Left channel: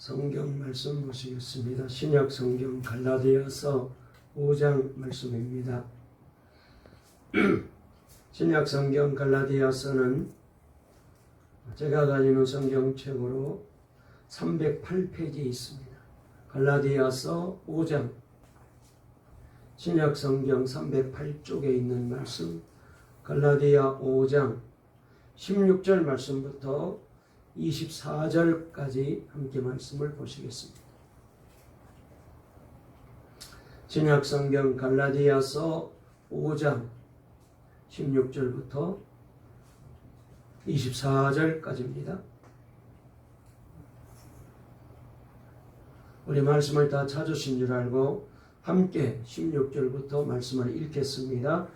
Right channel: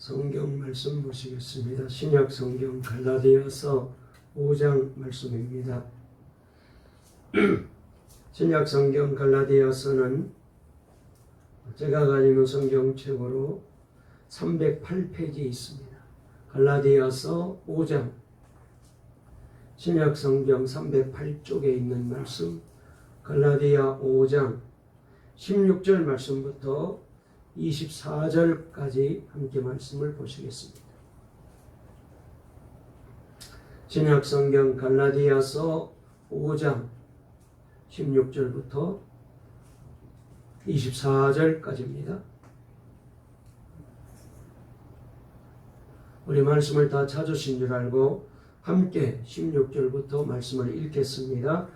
성경 말씀 보시겠습니다. 신약 성경 갈라디아서 5장 말씀입니다. 신약 성경 갈라디아서는 제가 가지는 성경책으로 308페이지 있습니다. 갈라디아서 5장 신약 성경 308쪽에 있는 말씀, 갈라디아 5장 16절 말씀부터 24절까지 함께 말씀을 보시겠습니다. 신약 성경 갈라디아서 5장 16절부터 24절까지입니다. 우리 말씀을 다 찾으신 줄 알고 함께 16절부터 말씀을 읽겠습니다.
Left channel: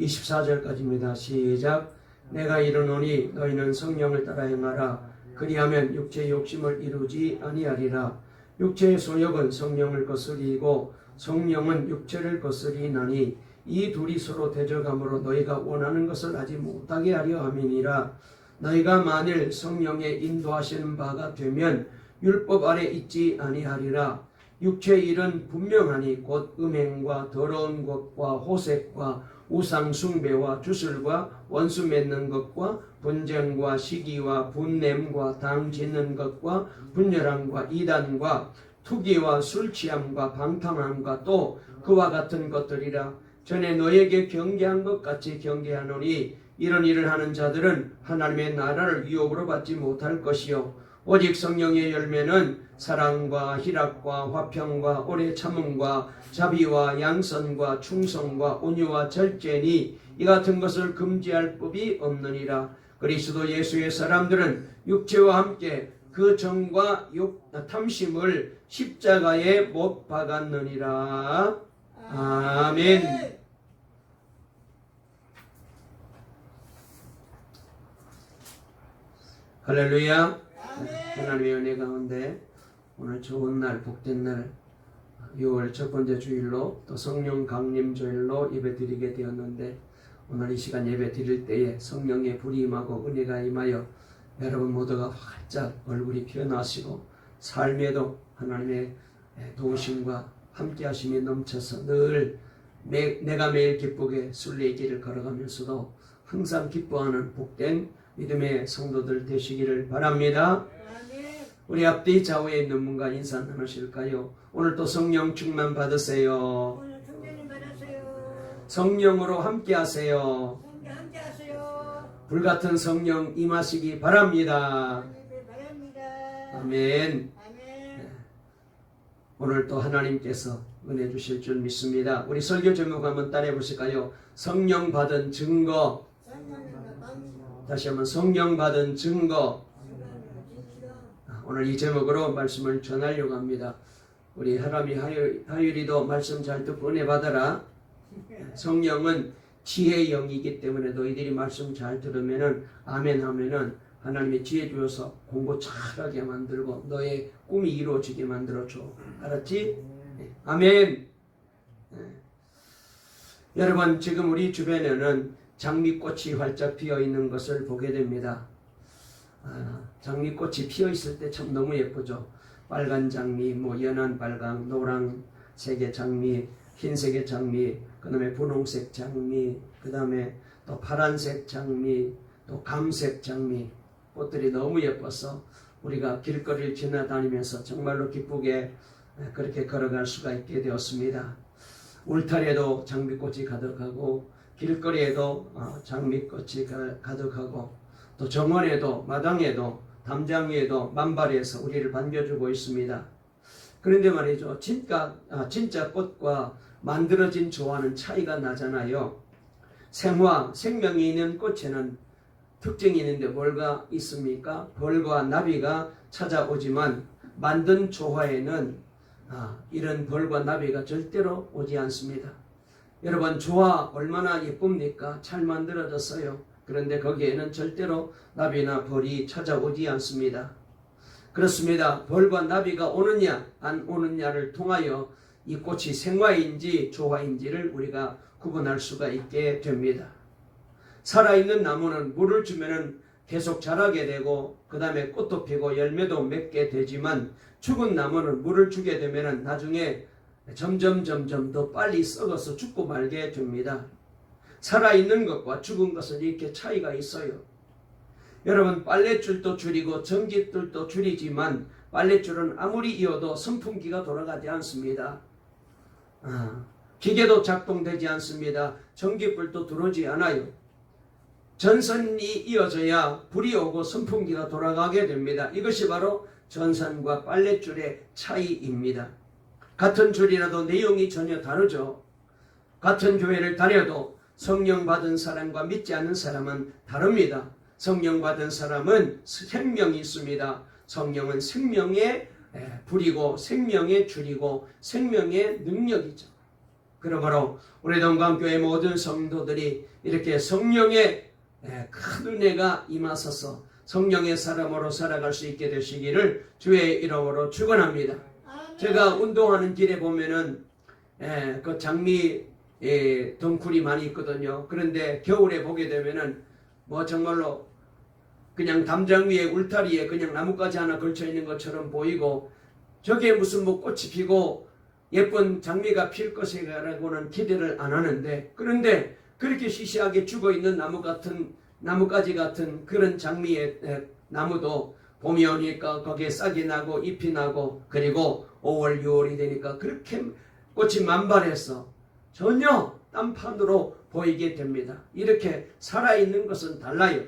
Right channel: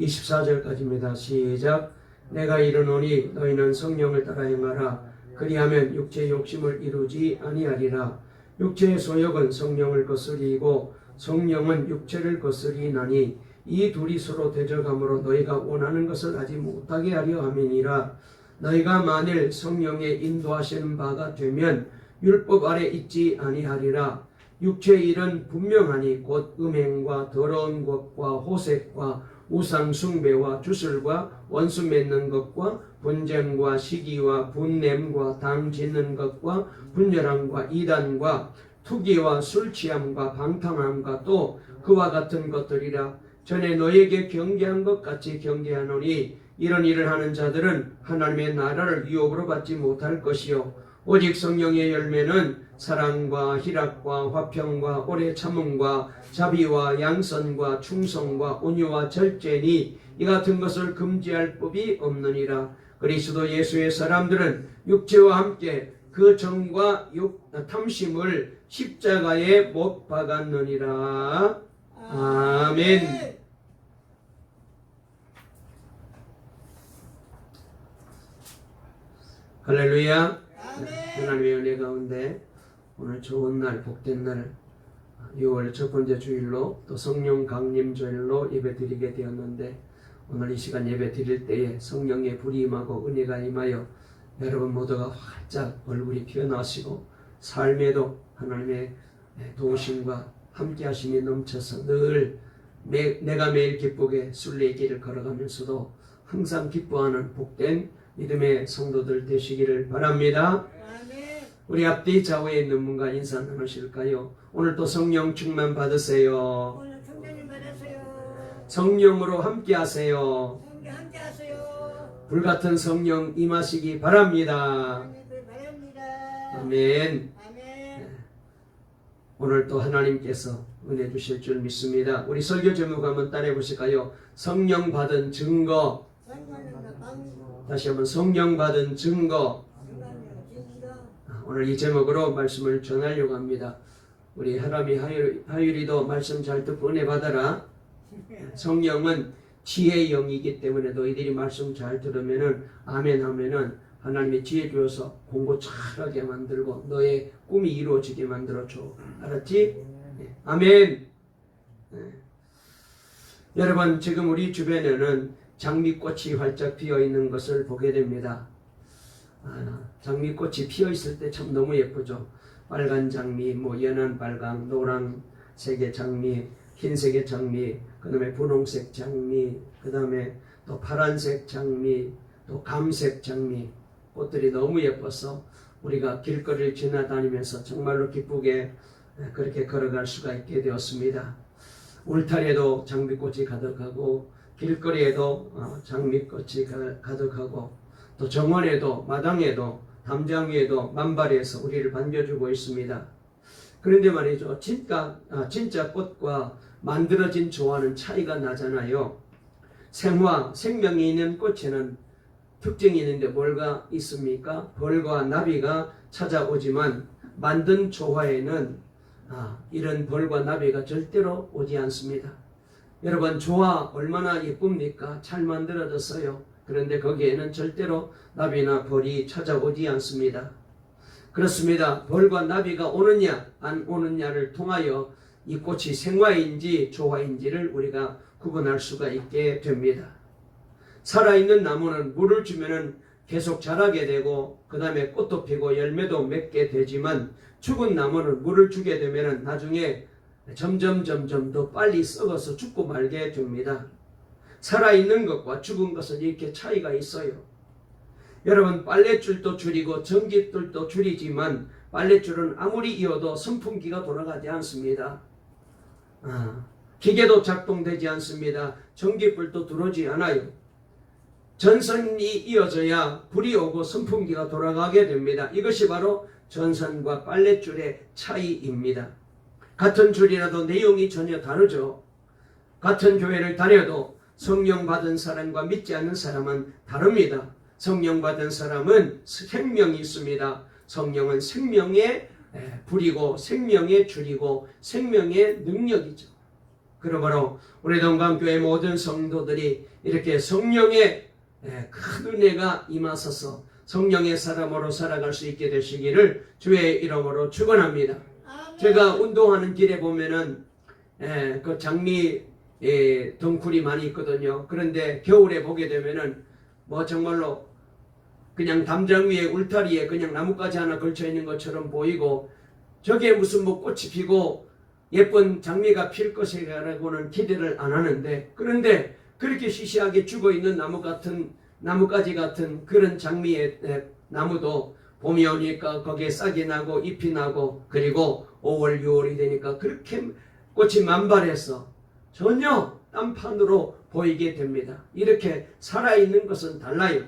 24절까지입니다. 시작. 내가 이르노니 너희는 성령을 따라 행하라. 그리하면 육체의 욕심을 이루지 아니하리라. 육체의 소욕은 성령을 거스리고 성령은 육체를 거스리나니 이 둘이 서로 대적함으로 너희가 원하는 것을 하지 못하게 하려 함이니라. 너희가 만일 성령의 인도하시는 바가 되면 율법 아래 있지 아니하리라. 육체의 일은 분명하니 곧 음행과 더러운 것과 호색과 우상 숭배와 주술과 원수 맺는 것과 분쟁과 시기와 분냄과 당 짓는 것과 분열함과 이단과 투기와 술 취함과 방탕함과 또 그와 같은 것들이라. 전에 너에게 경계한 것 같이 경계하노니 이런 일을 하는 자들은 하나님의 나라를 유업으로 받지 못할 것이요 오직 성령의 열매는 사랑과 희락과 화평과 오래 참음과 자비와 양선과 충성과 온유와 절제니 이 같은 것을 금지할 법이 없느니라. 그리스도 예수의 사람들은 육체와 함께 그 정과 탐심을 십자가에 못 박았느니라. 아멘. 할렐루야. 하나님의 은혜 가운데 오늘 좋은 날, 복된 날 6월 첫 번째 주일로 또 성령 강림 주일로 예배 드리게 되었는데, 오늘 이 시간 예배 드릴 때에 성령의 불이 임하고 은혜가 임하여 여러분 모두가 활짝 얼굴이 피어나시고 삶에도 하나님의 도우심과 함께 하심이 넘쳐서 늘 내가 매일 기쁘게 순례의 길을 걸어가면서도 항상 기뻐하는 복된 믿음의 성도들 되시기를 바랍니다. 우리 앞뒤 좌우에 있는 분과 인사 나누실까요? 오늘 또 성령 충만 받으세요. 오늘 성령 받으세요. 성령으로 함께 하세요. 함께 하세요. 불같은 성령 임하시기 바랍니다. 바랍니다. 아멘. 아멘. 네. 오늘 또 하나님께서 은혜 주실 줄 믿습니다. 우리 설교 제목 한번 따라해 보실까요? 성령 받은 증거. 다시 한번 성령 받은 증거. 오늘 이 제목으로 말씀을 전하려고 합니다. 우리 하람이 하율이도 말씀 잘 듣고 은혜 받아라. 성령은 지혜의 영이기 때문에 너희들이 말씀 잘 들으면은 아멘 하면은 하나님의 지혜 주어서 공부 잘하게 만들고 너의 꿈이 이루어지게 만들어줘. 알았지? 네. 아멘. 네. 여러분, 지금 우리 주변에는 장미꽃이 활짝 피어 있는 것을 보게 됩니다. 장미꽃이 피어 있을 때 참 너무 예쁘죠. 빨간 장미, 연한 빨강, 노란색의 장미, 흰색의 장미, 그 다음에 분홍색 장미, 그 다음에 또 파란색 장미, 또 감색 장미, 꽃들이 너무 예뻐서 우리가 길거리를 지나다니면서 정말로 기쁘게 그렇게 걸어갈 수가 있게 되었습니다. 울타리에도 장미꽃이 가득하고 길거리에도 장미꽃이 가득하고 또 정원에도 마당에도 담장 위에도 만발해서 우리를 반겨주고 있습니다. 그런데 말이죠, 진짜 꽃과 만들어진 조화는 차이가 나잖아요. 생명이 있는 꽃에는 특징이 있는데 뭐가 있습니까? 벌과 나비가 찾아오지만 만든 조화에는 이런 벌과 나비가 절대로 오지 않습니다. 여러분, 조화 얼마나 예쁩니까? 잘 만들어졌어요. 그런데 거기에는 절대로 나비나 벌이 찾아오지 않습니다. 그렇습니다. 벌과 나비가 오느냐 안 오느냐를 통하여 이 꽃이 생화인지 조화인지를 우리가 구분할 수가 있게 됩니다. 살아있는 나무는 물을 주면은 계속 자라게 되고 그 다음에 꽃도 피고 열매도 맺게 되지만 죽은 나무는 물을 주게 되면 나중에 점점 더 빨리 썩어서 죽고 말게 됩니다. 살아있는 것과 죽은 것은 이렇게 차이가 있어요. 여러분, 빨랫줄도 줄이고 전깃줄도 줄이지만 빨랫줄은 아무리 이어도 선풍기가 돌아가지 않습니다. 기계도 작동되지 않습니다. 전기불도 들어오지 않아요. 전선이 이어져야 불이 오고 선풍기가 돌아가게 됩니다. 이것이 바로 전선과 빨랫줄의 차이입니다. 같은 줄이라도 내용이 전혀 다르죠. 같은 교회를 다녀도 성령 받은 사람과 믿지 않는 사람은 다릅니다. 성령 받은 사람은 생명이 있습니다. 성령은 생명의 불이고 생명의 줄이고 생명의 능력이죠. 그러므로 우리 동강교회 모든 성도들이 이렇게 성령의 큰 은혜가 임하소서 성령의 사람으로 살아갈 수 있게 되시기를 주의 이름으로 축원합니다. 제가 운동하는 길에 보면은 그 장미 덩굴이 많이 있거든요. 그런데 겨울에 보게 되면은 뭐 정말로 그냥 담장 위에 울타리에 그냥 나뭇가지 하나 걸쳐 있는 것처럼 보이고 저게 무슨 뭐 꽃이 피고 예쁜 장미가 필 것이라고는 기대를 안 하는데, 그런데 그렇게 시시하게 죽어 있는 나뭇가지 같은 그런 장미의 나무도 봄이 오니까 거기에 싹이 나고 잎이 나고 그리고 5월 6월이 되니까 그렇게 꽃이 만발해서 전혀 딴판으로 보이게 됩니다. 이렇게 살아있는 것은 달라요.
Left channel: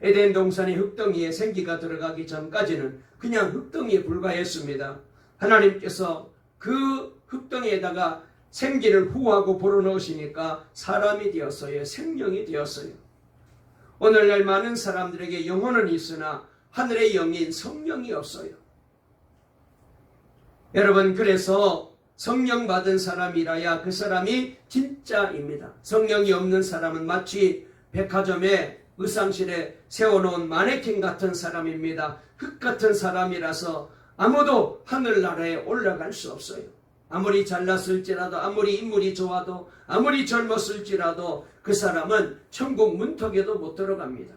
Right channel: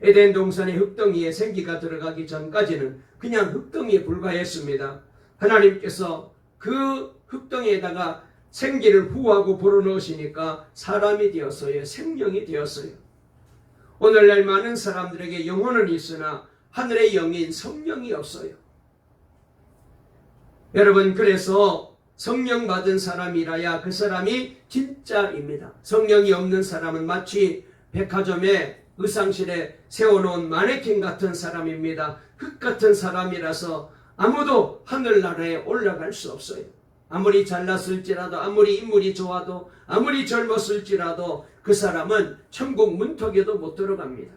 에덴 동산의 흙덩이에 생기가 들어가기 전까지는 그냥 흙덩이에 불과했습니다. 하나님께서 그 흙덩이에다가 생기를 후하고 불어넣으시니까 사람이 되었어요. 생명이 되었어요. 오늘날 많은 사람들에게 영혼은 있으나 하늘의 영인 성령이 없어요. 여러분, 그래서 성령 받은 사람이라야 그 사람이 진짜입니다. 성령이 없는 사람은 마치 백화점에 의상실에 세워놓은 마네킹 같은 사람입니다. 흙 같은 사람이라서 아무도 하늘나라에 올라갈 수 없어요. 아무리 잘났을지라도, 아무리 인물이 좋아도, 아무리 젊었을지라도 그 사람은 천국 문턱에도 못 들어갑니다.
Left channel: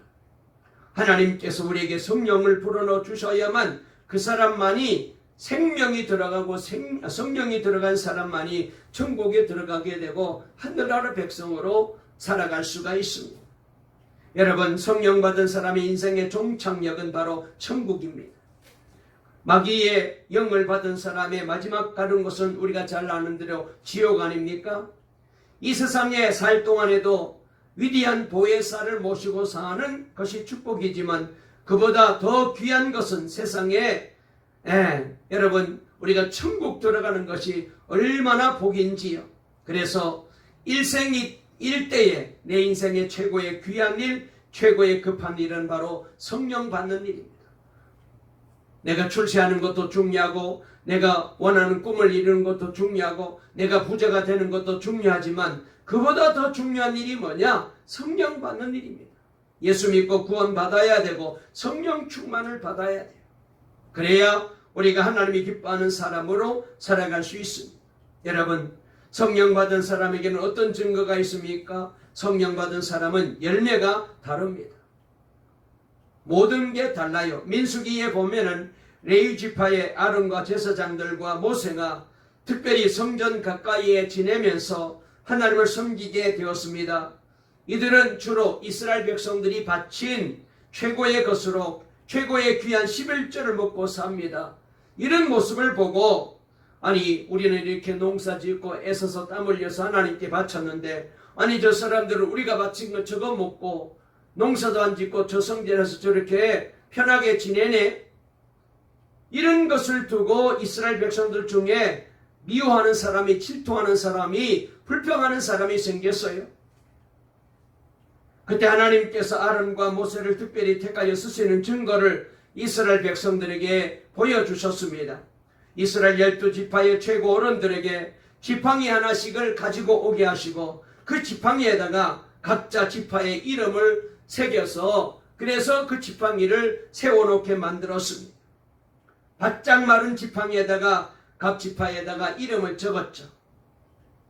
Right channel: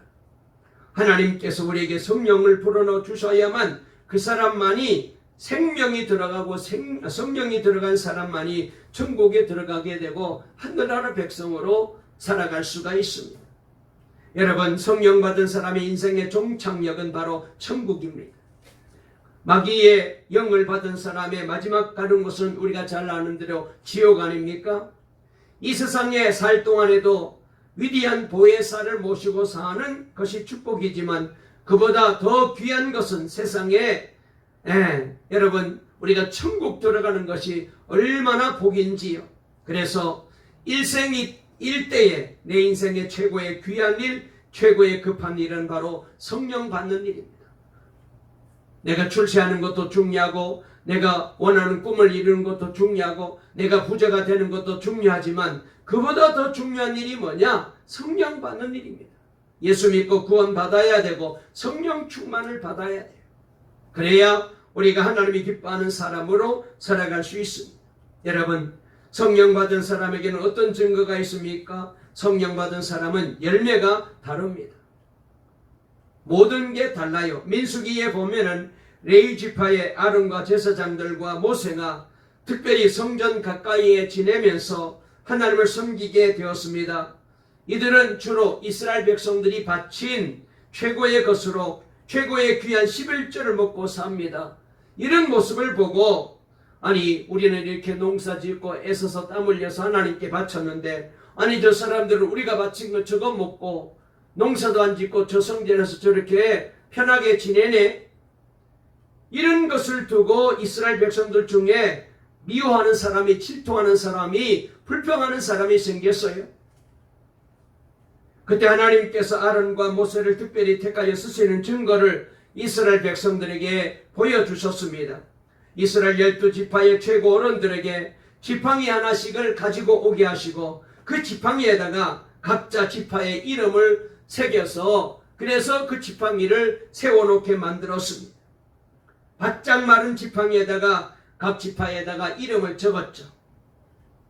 하나님께서 우리에게 성령을 불어넣어 주셔야만 그 사람만이 생명이 들어가고 성령이 들어간 사람만이 천국에 들어가게 되고 하늘나라 백성으로 살아갈 수가 있습니다. 여러분, 성령 받은 사람의 인생의 종착역은 바로 천국입니다. 마귀의 영을 받은 사람의 마지막 가는 곳은 우리가 잘 아는 대로 지옥 아닙니까? 이 세상에 살 동안에도 위대한 보혜사를 모시고 사는 것이 축복이지만 그보다 더 귀한 것은 세상에 여러분, 우리가 천국 들어가는 것이 얼마나 복인지요. 그래서 일생일대에 내 인생의 최고의 귀한 일, 최고의 급한 일은 바로 성령 받는 일입니다. 내가 출세하는 것도 중요하고, 내가 원하는 꿈을 이루는 것도 중요하고, 내가 부자가 되는 것도 중요하지만 그보다 더 중요한 일이 뭐냐? 성령 받는 일입니다. 예수 믿고 구원 받아야 되고 성령 충만을 받아야 돼요. 그래야 우리가 하나님이 기뻐하는 사람으로 살아갈 수 있습니다. 여러분, 성령 받은 사람에게는 어떤 증거가 있습니까? 성령 받은 사람은 열매가 다릅니다. 모든 게 달라요. 민수기에 보면은 레위 지파의 아론과 제사장들과 모세가 특별히 성전 가까이에 지내면서 하나님을 섬기게 되었습니다. 이들은 주로 이스라엘 백성들이 바친 최고의 것으로 최고의 귀한 11조를 먹고 삽니다. 이런 모습을 보고, 아니 우리는 이렇게 농사 짓고 애써서 땀 흘려서 하나님께 바쳤는데, 아니 저 사람들은 우리가 바친 거 저거 먹고 농사도 안 짓고 저 성전에서 저렇게 편하게 지내네. 이런 것을 두고 이스라엘 백성들 중에 미워하는 사람이, 질투하는 사람이, 불평하는 사람이 생겼어요. 그때 하나님께서 아론과 모세를 특별히 택하여 쓰시는 증거를 이스라엘 백성들에게 보여주셨습니다. 이스라엘 12지파의 최고 어른들에게 지팡이 하나씩을 가지고 오게 하시고 그 지팡이에다가 각자 지파의 이름을 새겨서, 그래서 그 지팡이를 세워놓게 만들었습니다. 바짝 마른 지팡이에다가 각 지파에다가 이름을 적었죠.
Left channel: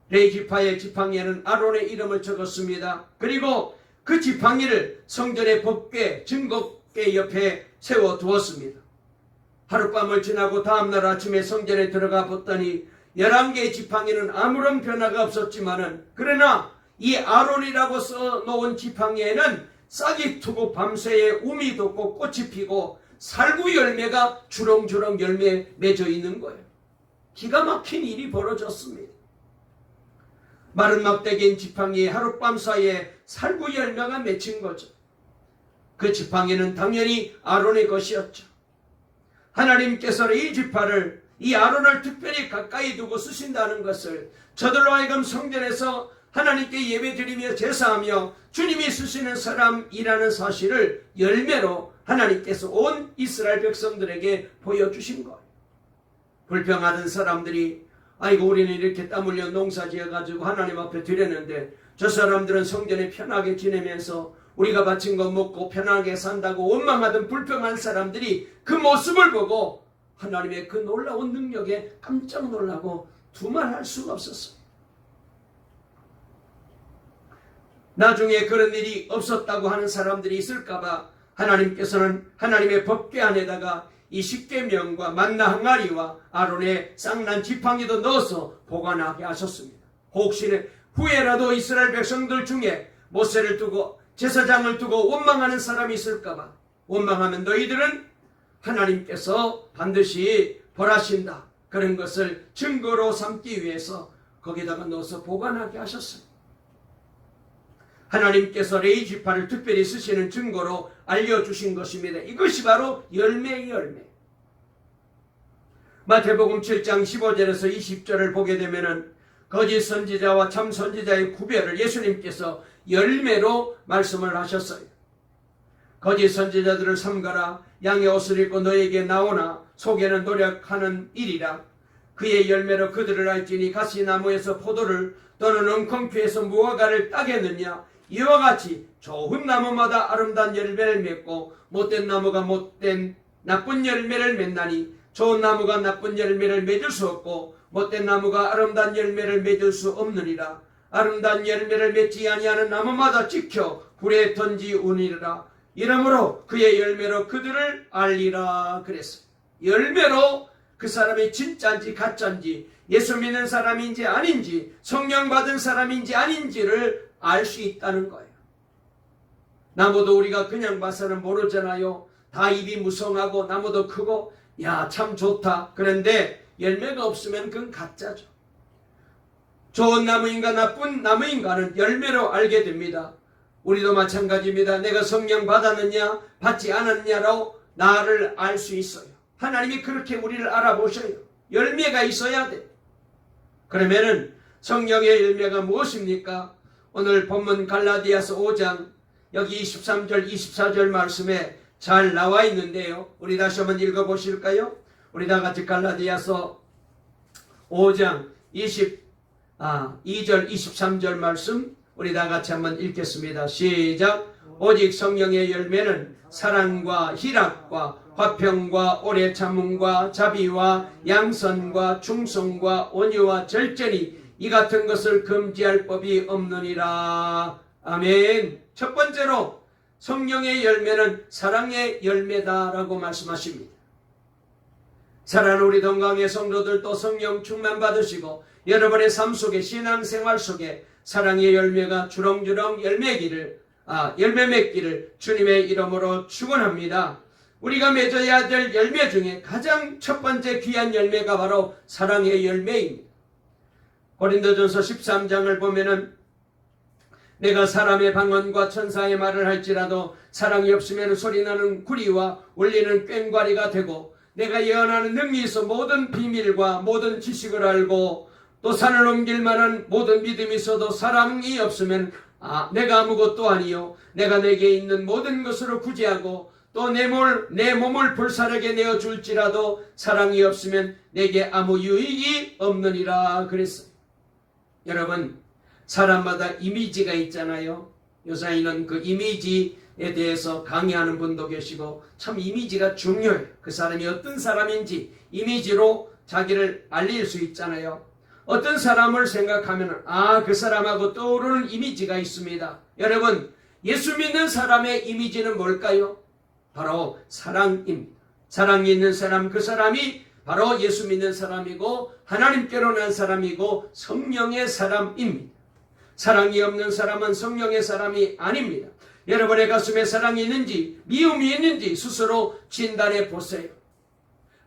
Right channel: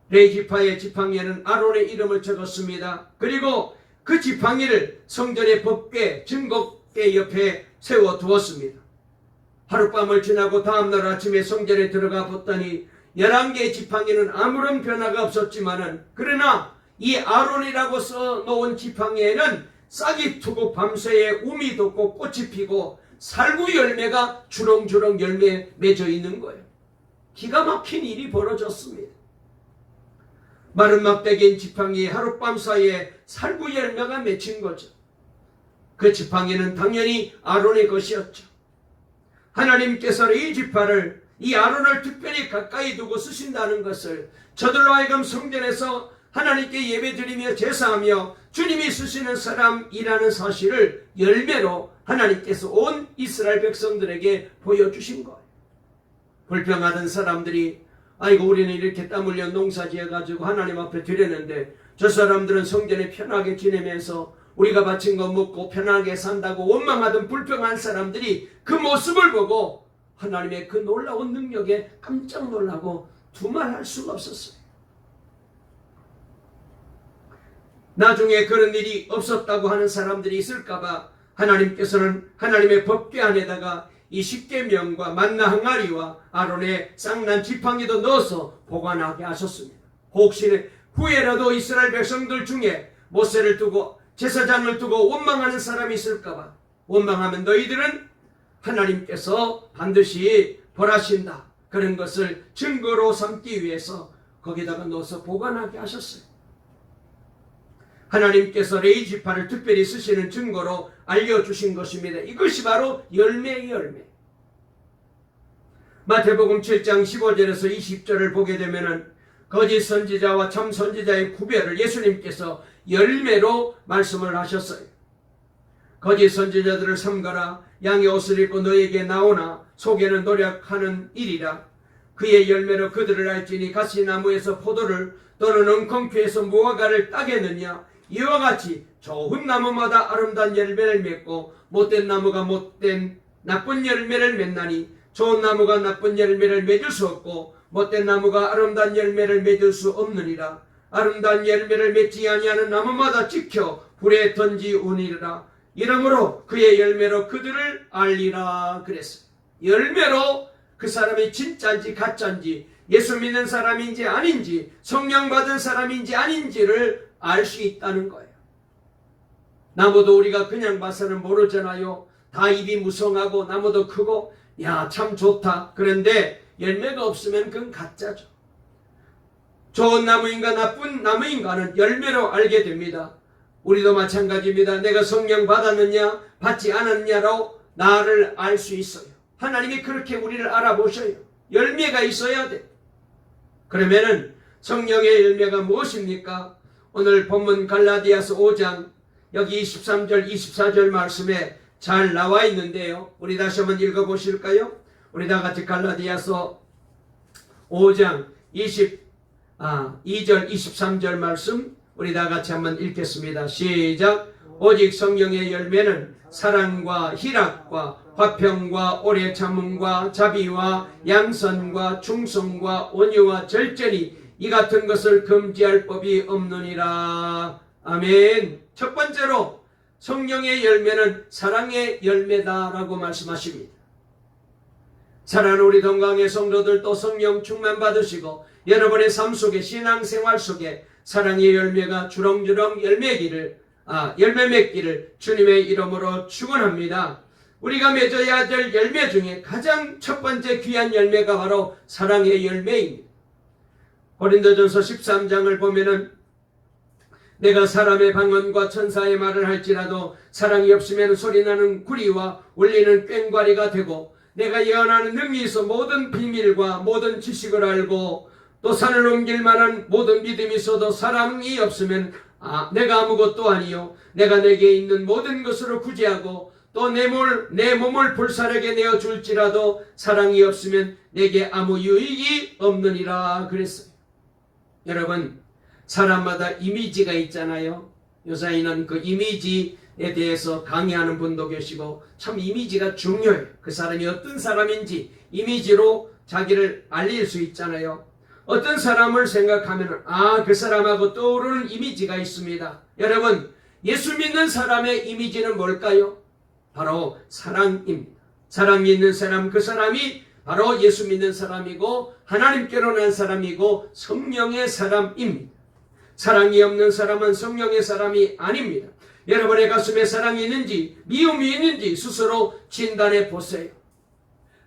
레위 지파의 지팡이에는 아론의 이름을 적었습니다. 그리고 그 지팡이를 성전의 법궤 증거궤 옆에 세워두었습니다. 하룻밤을 지나고 다음날 아침에 성전에 들어가 봤더니 11개의 지팡이는 아무런 변화가 없었지만은, 그러나 이 아론이라고 써놓은 지팡이에는 싹이 트고 밤새에 우미 돋고 꽃이 피고 살구 열매가 주렁주렁 열매 맺어 있는 거예요. 기가 막힌 일이 벌어졌습니다. 마른 막대기인 지팡이에 하룻밤 사이에 살구 열매가 맺힌 거죠. 그 지팡이는 당연히 아론의 것이었죠. 하나님께서 이 지파를, 이 아론을 특별히 가까이 두고 쓰신다는 것을 저들로 하여금 성전에서 하나님께 예배드리며 제사하며 주님이 쓰시는 사람이라는 사실을 열매로 하나님께서 온 이스라엘 백성들에게 보여주신 거예요. 불평하던 사람들이, 아이고 우리는 이렇게 땀 흘려 농사 지어가지고 하나님 앞에 드렸는데 저 사람들은 성전에 편하게 지내면서 우리가 바친 거 먹고 편하게 산다고 원망하던 불평한 사람들이 그 모습을 보고 하나님의 그 놀라운 능력에 깜짝 놀라고 두말할 수가 없었어요. 나중에 그런 일이 없었다고 하는 사람들이 있을까봐 하나님께서는 하나님의 법궤 안에다가 이 십계명과 만나 항아리와 아론의 쌍난 지팡이도 넣어서 보관하게 하셨습니다. 혹시 후에라도 이스라엘 백성들 중에 모세를 두고 제사장을 두고 원망하는 사람이 있을까봐, 원망하면 너희들은 하나님께서 반드시 벌하신다, 그런 것을 증거로 삼기 위해서 거기다가 넣어서 보관하게 하셨어요. 하나님께서 레위 지파를 특별히 쓰시는 증거로 알려주신 것입니다. 이것이 바로 열매의 열매. 마태복음 7장 15절에서 20절을 보게 되면은 거짓 선지자와 참 선지자의 구별을 예수님께서 열매로 말씀을 하셨어요. 거짓 선지자들을 삼가라. 양의 옷을 입고 너에게 나오나 속에는 노력하는 일이라. 그의 열매로 그들을 알지니 가시나무에서 포도를 또는 엉겅퀴에서 무화과를 따겠느냐. 이와 같이 좋은 나무마다 아름다운 열매를 맺고 못된 나무가 못된 나쁜 열매를 맺나니 좋은 나무가 나쁜 열매를 맺을 수 없고 못된 나무가 아름다운 열매를 맺을 수 없느니라. 아름다운 열매를 맺지 아니하는 나무마다 지켜 불에 던지우니라. 이러므로 그의 열매로 그들을 알리라 그랬어요. 열매로 그 사람이 진짜인지 가짜인지, 예수 믿는 사람인지 아닌지, 성령 받은 사람인지 아닌지를 알 수 있다는 거예요. 나무도 우리가 그냥 봐서는 모르잖아요. 다 잎이 무성하고 나무도 크고 야 참 좋다. 그런데 열매가 없으면 그건 가짜죠. 좋은 나무인가 나쁜 나무인가는 열매로 알게 됩니다. 우리도 마찬가지입니다. 내가 성령 받았느냐 받지 않았느냐로 나를 알 수 있어요. 하나님이 그렇게 우리를 알아보셔요. 열매가 있어야 돼. 그러면은 성령의 열매가 무엇입니까? 오늘 본문 갈라디아서 5장 여기 23절 24절 말씀에 잘 나와 있는데요. 우리 다시 한번 읽어보실까요? 우리 다 같이 갈라디아서 5장 2절 23절 말씀 우리 다 같이 한번 읽겠습니다. 시작. 오직 성령의 열매는 사랑과 희락과 화평과 오래 참음과 자비와 양선과 충성과 온유와 절제니 이 같은 것을 금지할 법이 없느니라. 아멘. 첫 번째로 성령의 열매는 사랑의 열매다라고 말씀하십니다. 사랑하는 우리 동강의 성도들도 성령 충만 받으시고 여러분의 삶 속에 신앙생활 속에 사랑의 열매가 주렁주렁 열매 맺기를 주님의 이름으로 축원합니다. 우리가 맺어야 될 열매 중에 가장 첫 번째 귀한 열매가 바로 사랑의 열매입니다. 고린도전서 13장을 보면은 내가 사람의 방언과 천사의 말을 할지라도 사랑이 없으면 소리나는 구리와 울리는 꽹과리가 되고 내가 예언하는 능력이 있어 모든 비밀과 모든 지식을 알고 또 산을 옮길 만한 모든 믿음이 있어도 사랑이 없으면 내가 아무것도 아니요 내가 내게 있는 모든 것으로 구제하고 또 내 몸을 불사르게 내어줄지라도 사랑이 없으면 내게 아무 유익이 없느니라 그랬어요. 여러분 사람마다 이미지가 있잖아요. 요사이는 그 이미지에 대해서 강의하는 분도 계시고 참 이미지가 중요해요. 그 사람이 어떤 사람인지 이미지로 자기를 알릴 수 있잖아요. 어떤 사람을 생각하면 그 사람하고 떠오르는 이미지가 있습니다. 여러분 예수 믿는 사람의 이미지는 뭘까요? 바로 사랑입니다. 사랑이 있는 사람, 그 사람이 바로 예수 믿는 사람이고 하나님께로 난 사람이고 성령의 사람입니다. 사랑이 없는 사람은 성령의 사람이 아닙니다. 여러분의 가슴에 사랑이 있는지 미움이 있는지 스스로 진단해 보세요.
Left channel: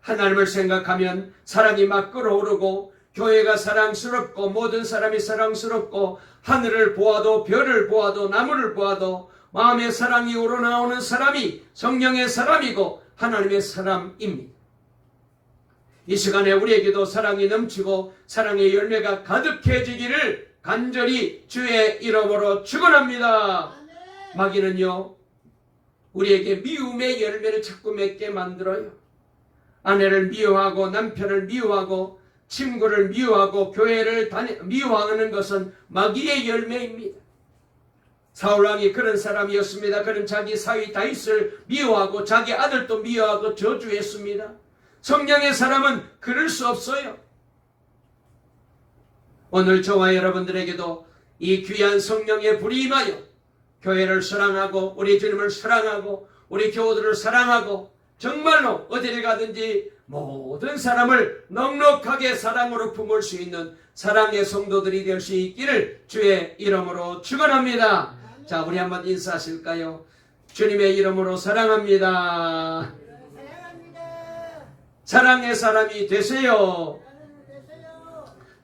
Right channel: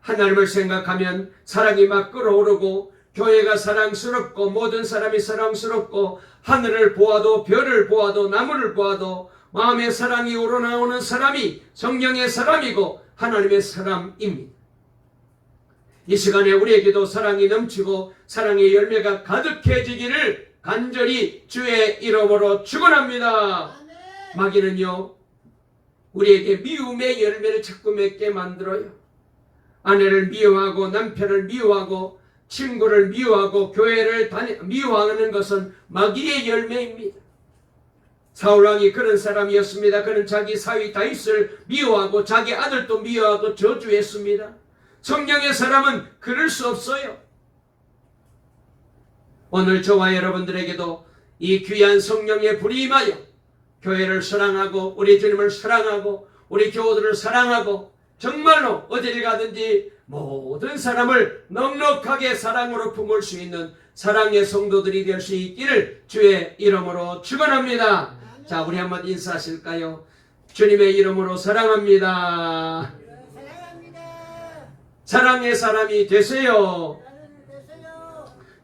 하나님을 생각하면 사랑이 막 끓어오르고 교회가 사랑스럽고 모든 사람이 사랑스럽고 하늘을 보아도 별을 보아도 나무를 보아도 마음의 사랑이 우러나오는 사람이 성령의 사람이고 하나님의 사람입니다. 이 시간에 우리에게도 사랑이 넘치고 사랑의 열매가 가득해지기를 간절히 주의 이름으로 축원합니다. 마귀는요, 우리에게 미움의 열매를 자꾸 맺게 만들어요. 아내를 미워하고 남편을 미워하고 친구를 미워하고 교회를 미워하는 것은 마귀의 열매입니다. 사울왕이 그런 사람이었습니다. 그는 자기 사위 다윗을 미워하고 자기 아들도 미워하고 저주했습니다. 성령의 사람은 그럴 수 없어요. 오늘 저와 여러분들에게도 이 귀한 성령의 불이 임하여 교회를 사랑하고 우리 주님을 사랑하고 우리 교우들을 사랑하고 정말로 어디를 가든지 모든 사람을 넉넉하게 사랑으로 품을 수 있는 사랑의 성도들이 될 수 있기를 주의 이름으로 축원합니다. 자, 우리 한번 인사하실까요? 주님의 이름으로 사랑합니다. 사랑합니다. 사랑의 사람이 되세요.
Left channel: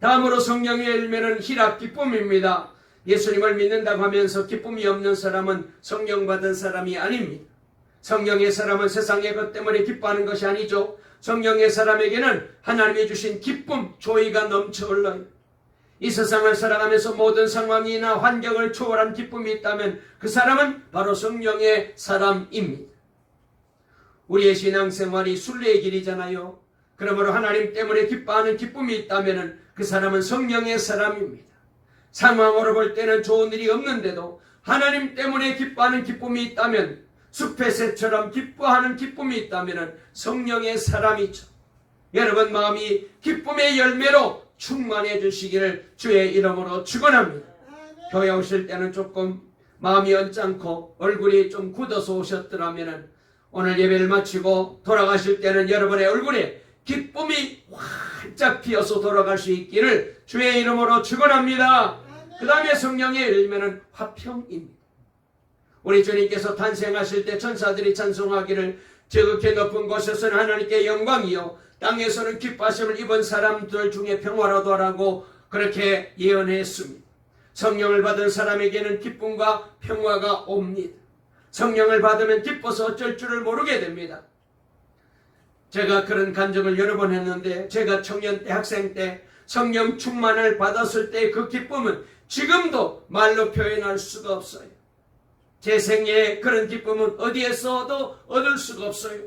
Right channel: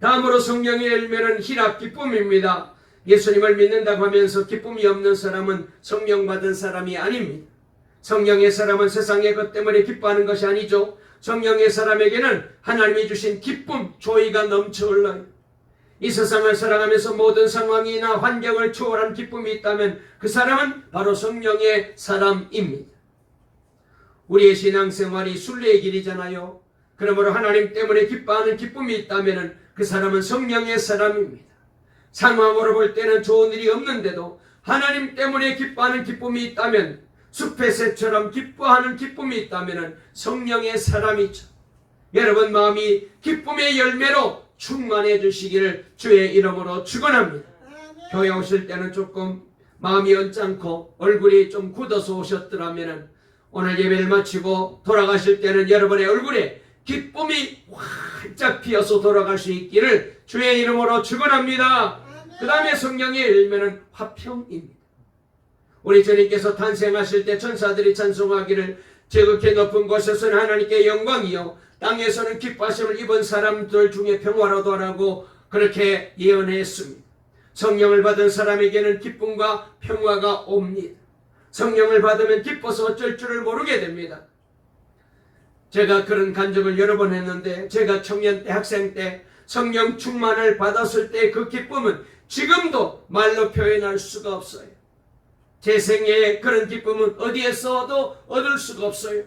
다음으로 성령의 열매는 희락, 기쁨입니다. 예수님을 믿는다고 하면서 기쁨이 없는 사람은 성령 받은 사람이 아닙니다. 성령의 사람은 세상의 것 때문에 기뻐하는 것이 아니죠. 성령의 사람에게는 하나님이 주신 기쁨, 조의가 넘쳐 흘러요. 이 세상을 살아가면서 모든 상황이나 환경을 초월한 기쁨이 있다면 그 사람은 바로 성령의 사람입니다. 우리의 신앙생활이 순례의 길이잖아요. 그러므로 하나님 때문에 기뻐하는 기쁨이 있다면 그 사람은 성령의 사람입니다. 상황으로 볼 때는 좋은 일이 없는데도 하나님 때문에 기뻐하는 기쁨이 있다면, 숲의 새처럼 기뻐하는 기쁨이 있다면 성령의 사람이죠. 여러분 마음이 기쁨의 열매로 충만해 주시기를 주의 이름으로 축원합니다. 교회 오실 때는 조금 마음이 언짢고 얼굴이 좀 굳어서 오셨더라면 오늘 예배를 마치고 돌아가실 때는 여러분의 얼굴에 기쁨이 활짝 피어서 돌아갈 수 있기를 주의 이름으로 축원합니다. 그 다음에 성령의 열매는 화평입니다. 우리 주님께서 탄생하실 때 천사들이 찬송하기를 지극히 높은 곳에서는 하나님께 영광이요 땅에서는 기뻐하심을 입은 사람들 중에 평화로도라고 그렇게 예언했습니다. 성령을 받은 사람에게는 기쁨과 평화가 옵니다. 성령을 받으면 기뻐서 어쩔 줄을 모르게 됩니다. 제가 그런 간증을 여러 번 했는데, 제가 청년 때 학생 때 성령 충만을 받았을 때 그 기쁨은 지금도 말로 표현할 수가 없어요. 제 생애에 그런 기쁨은 어디에서도 얻을 수가 없어요.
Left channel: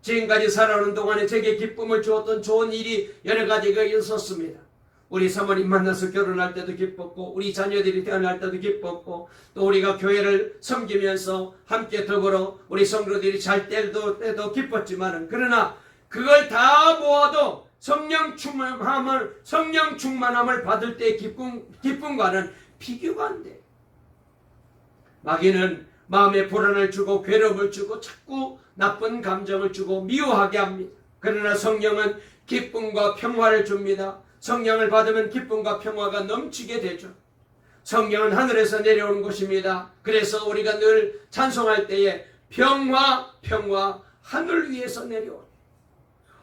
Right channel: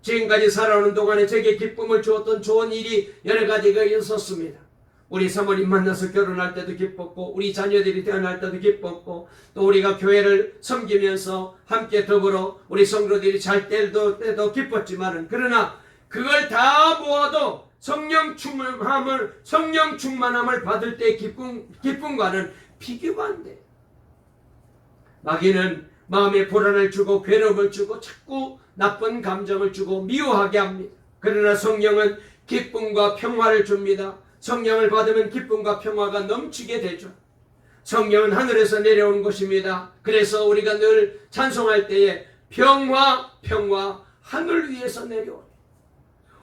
지금까지 살아오는 동안에 제게 기쁨을 주었던 좋은 일이 여러 가지가 있었습니다. 우리 사모님 만나서 결혼할 때도 기뻤고, 우리 자녀들이 태어날 때도 기뻤고, 또 우리가 교회를 섬기면서 함께 더불어 우리 성도들이 잘 때도 기뻤지만, 그러나 그걸 다 모아도 성령 충만함을 받을 때 기쁨과는 비교가 안 돼요. 마귀는 마음에 불안을 주고 괴로움을 주고 자꾸 나쁜 감정을 주고 미워하게 합니다. 그러나 성령은 기쁨과 평화를 줍니다. 성령을 받으면 기쁨과 평화가 넘치게 되죠. 성령은 하늘에서 내려오는 것입니다. 그래서 우리가 늘 찬송할 때에 평화 하늘 위에서 내려오죠.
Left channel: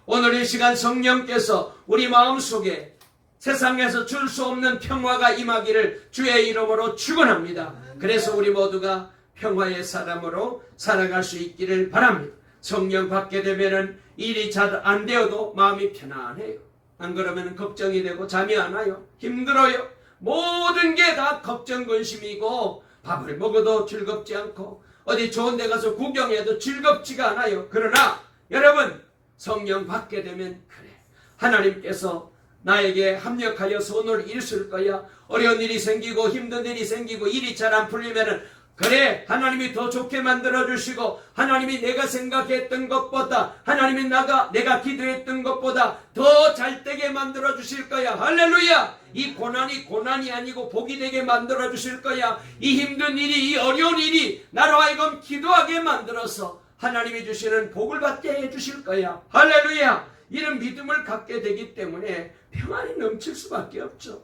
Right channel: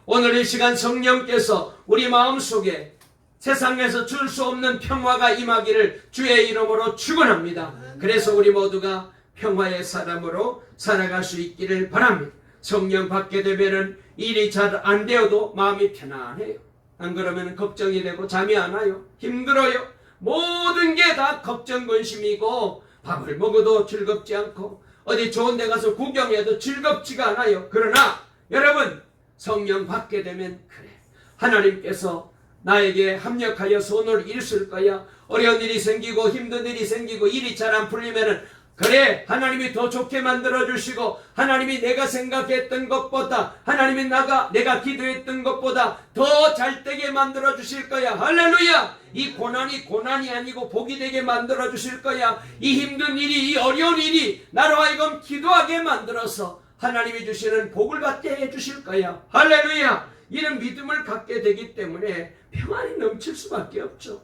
오늘 이 시간 성령께서 우리 마음속에 세상에서 줄 수 없는 평화가 임하기를 주의 이름으로 축원합니다. 그래서 우리 모두가 평화의 사람으로 살아갈 수 있기를 바랍니다. 성령 받게 되면은 일이 잘 안 되어도 마음이 편안해요. 안 그러면 걱정이 되고 잠이 안 와요. 힘들어요. 모든 게 다 걱정 근심이고, 밥을 먹어도 즐겁지 않고 어디 좋은 데 가서 구경해도 즐겁지가 않아요. 그러나 여러분, 성령 받게 되면 그래, 하나님께서 나에게 합력하여서 오늘 일 쓸 거야. 어려운 일이 생기고 힘든 일이 생기고 일이 잘 안 풀리면은 그래, 하나님이 더 좋게 만들어주시고 하나님이 내가 생각했던 것보다, 하나님이 내가 기도했던 것보다 더 잘되게 만들어주실 거야. 할렐루야. 이 고난이 아니고 복이 되게 만들어주실 거야. 이 힘든 일이, 이 어려운 일이 나로 하여금 기도하게 만들어서 하나님이 주시는 복을 받게 해주실 거야. 할렐루야. 이런 믿음을 갖게 되기 때문에 평안이 넘칠 수밖에 없죠.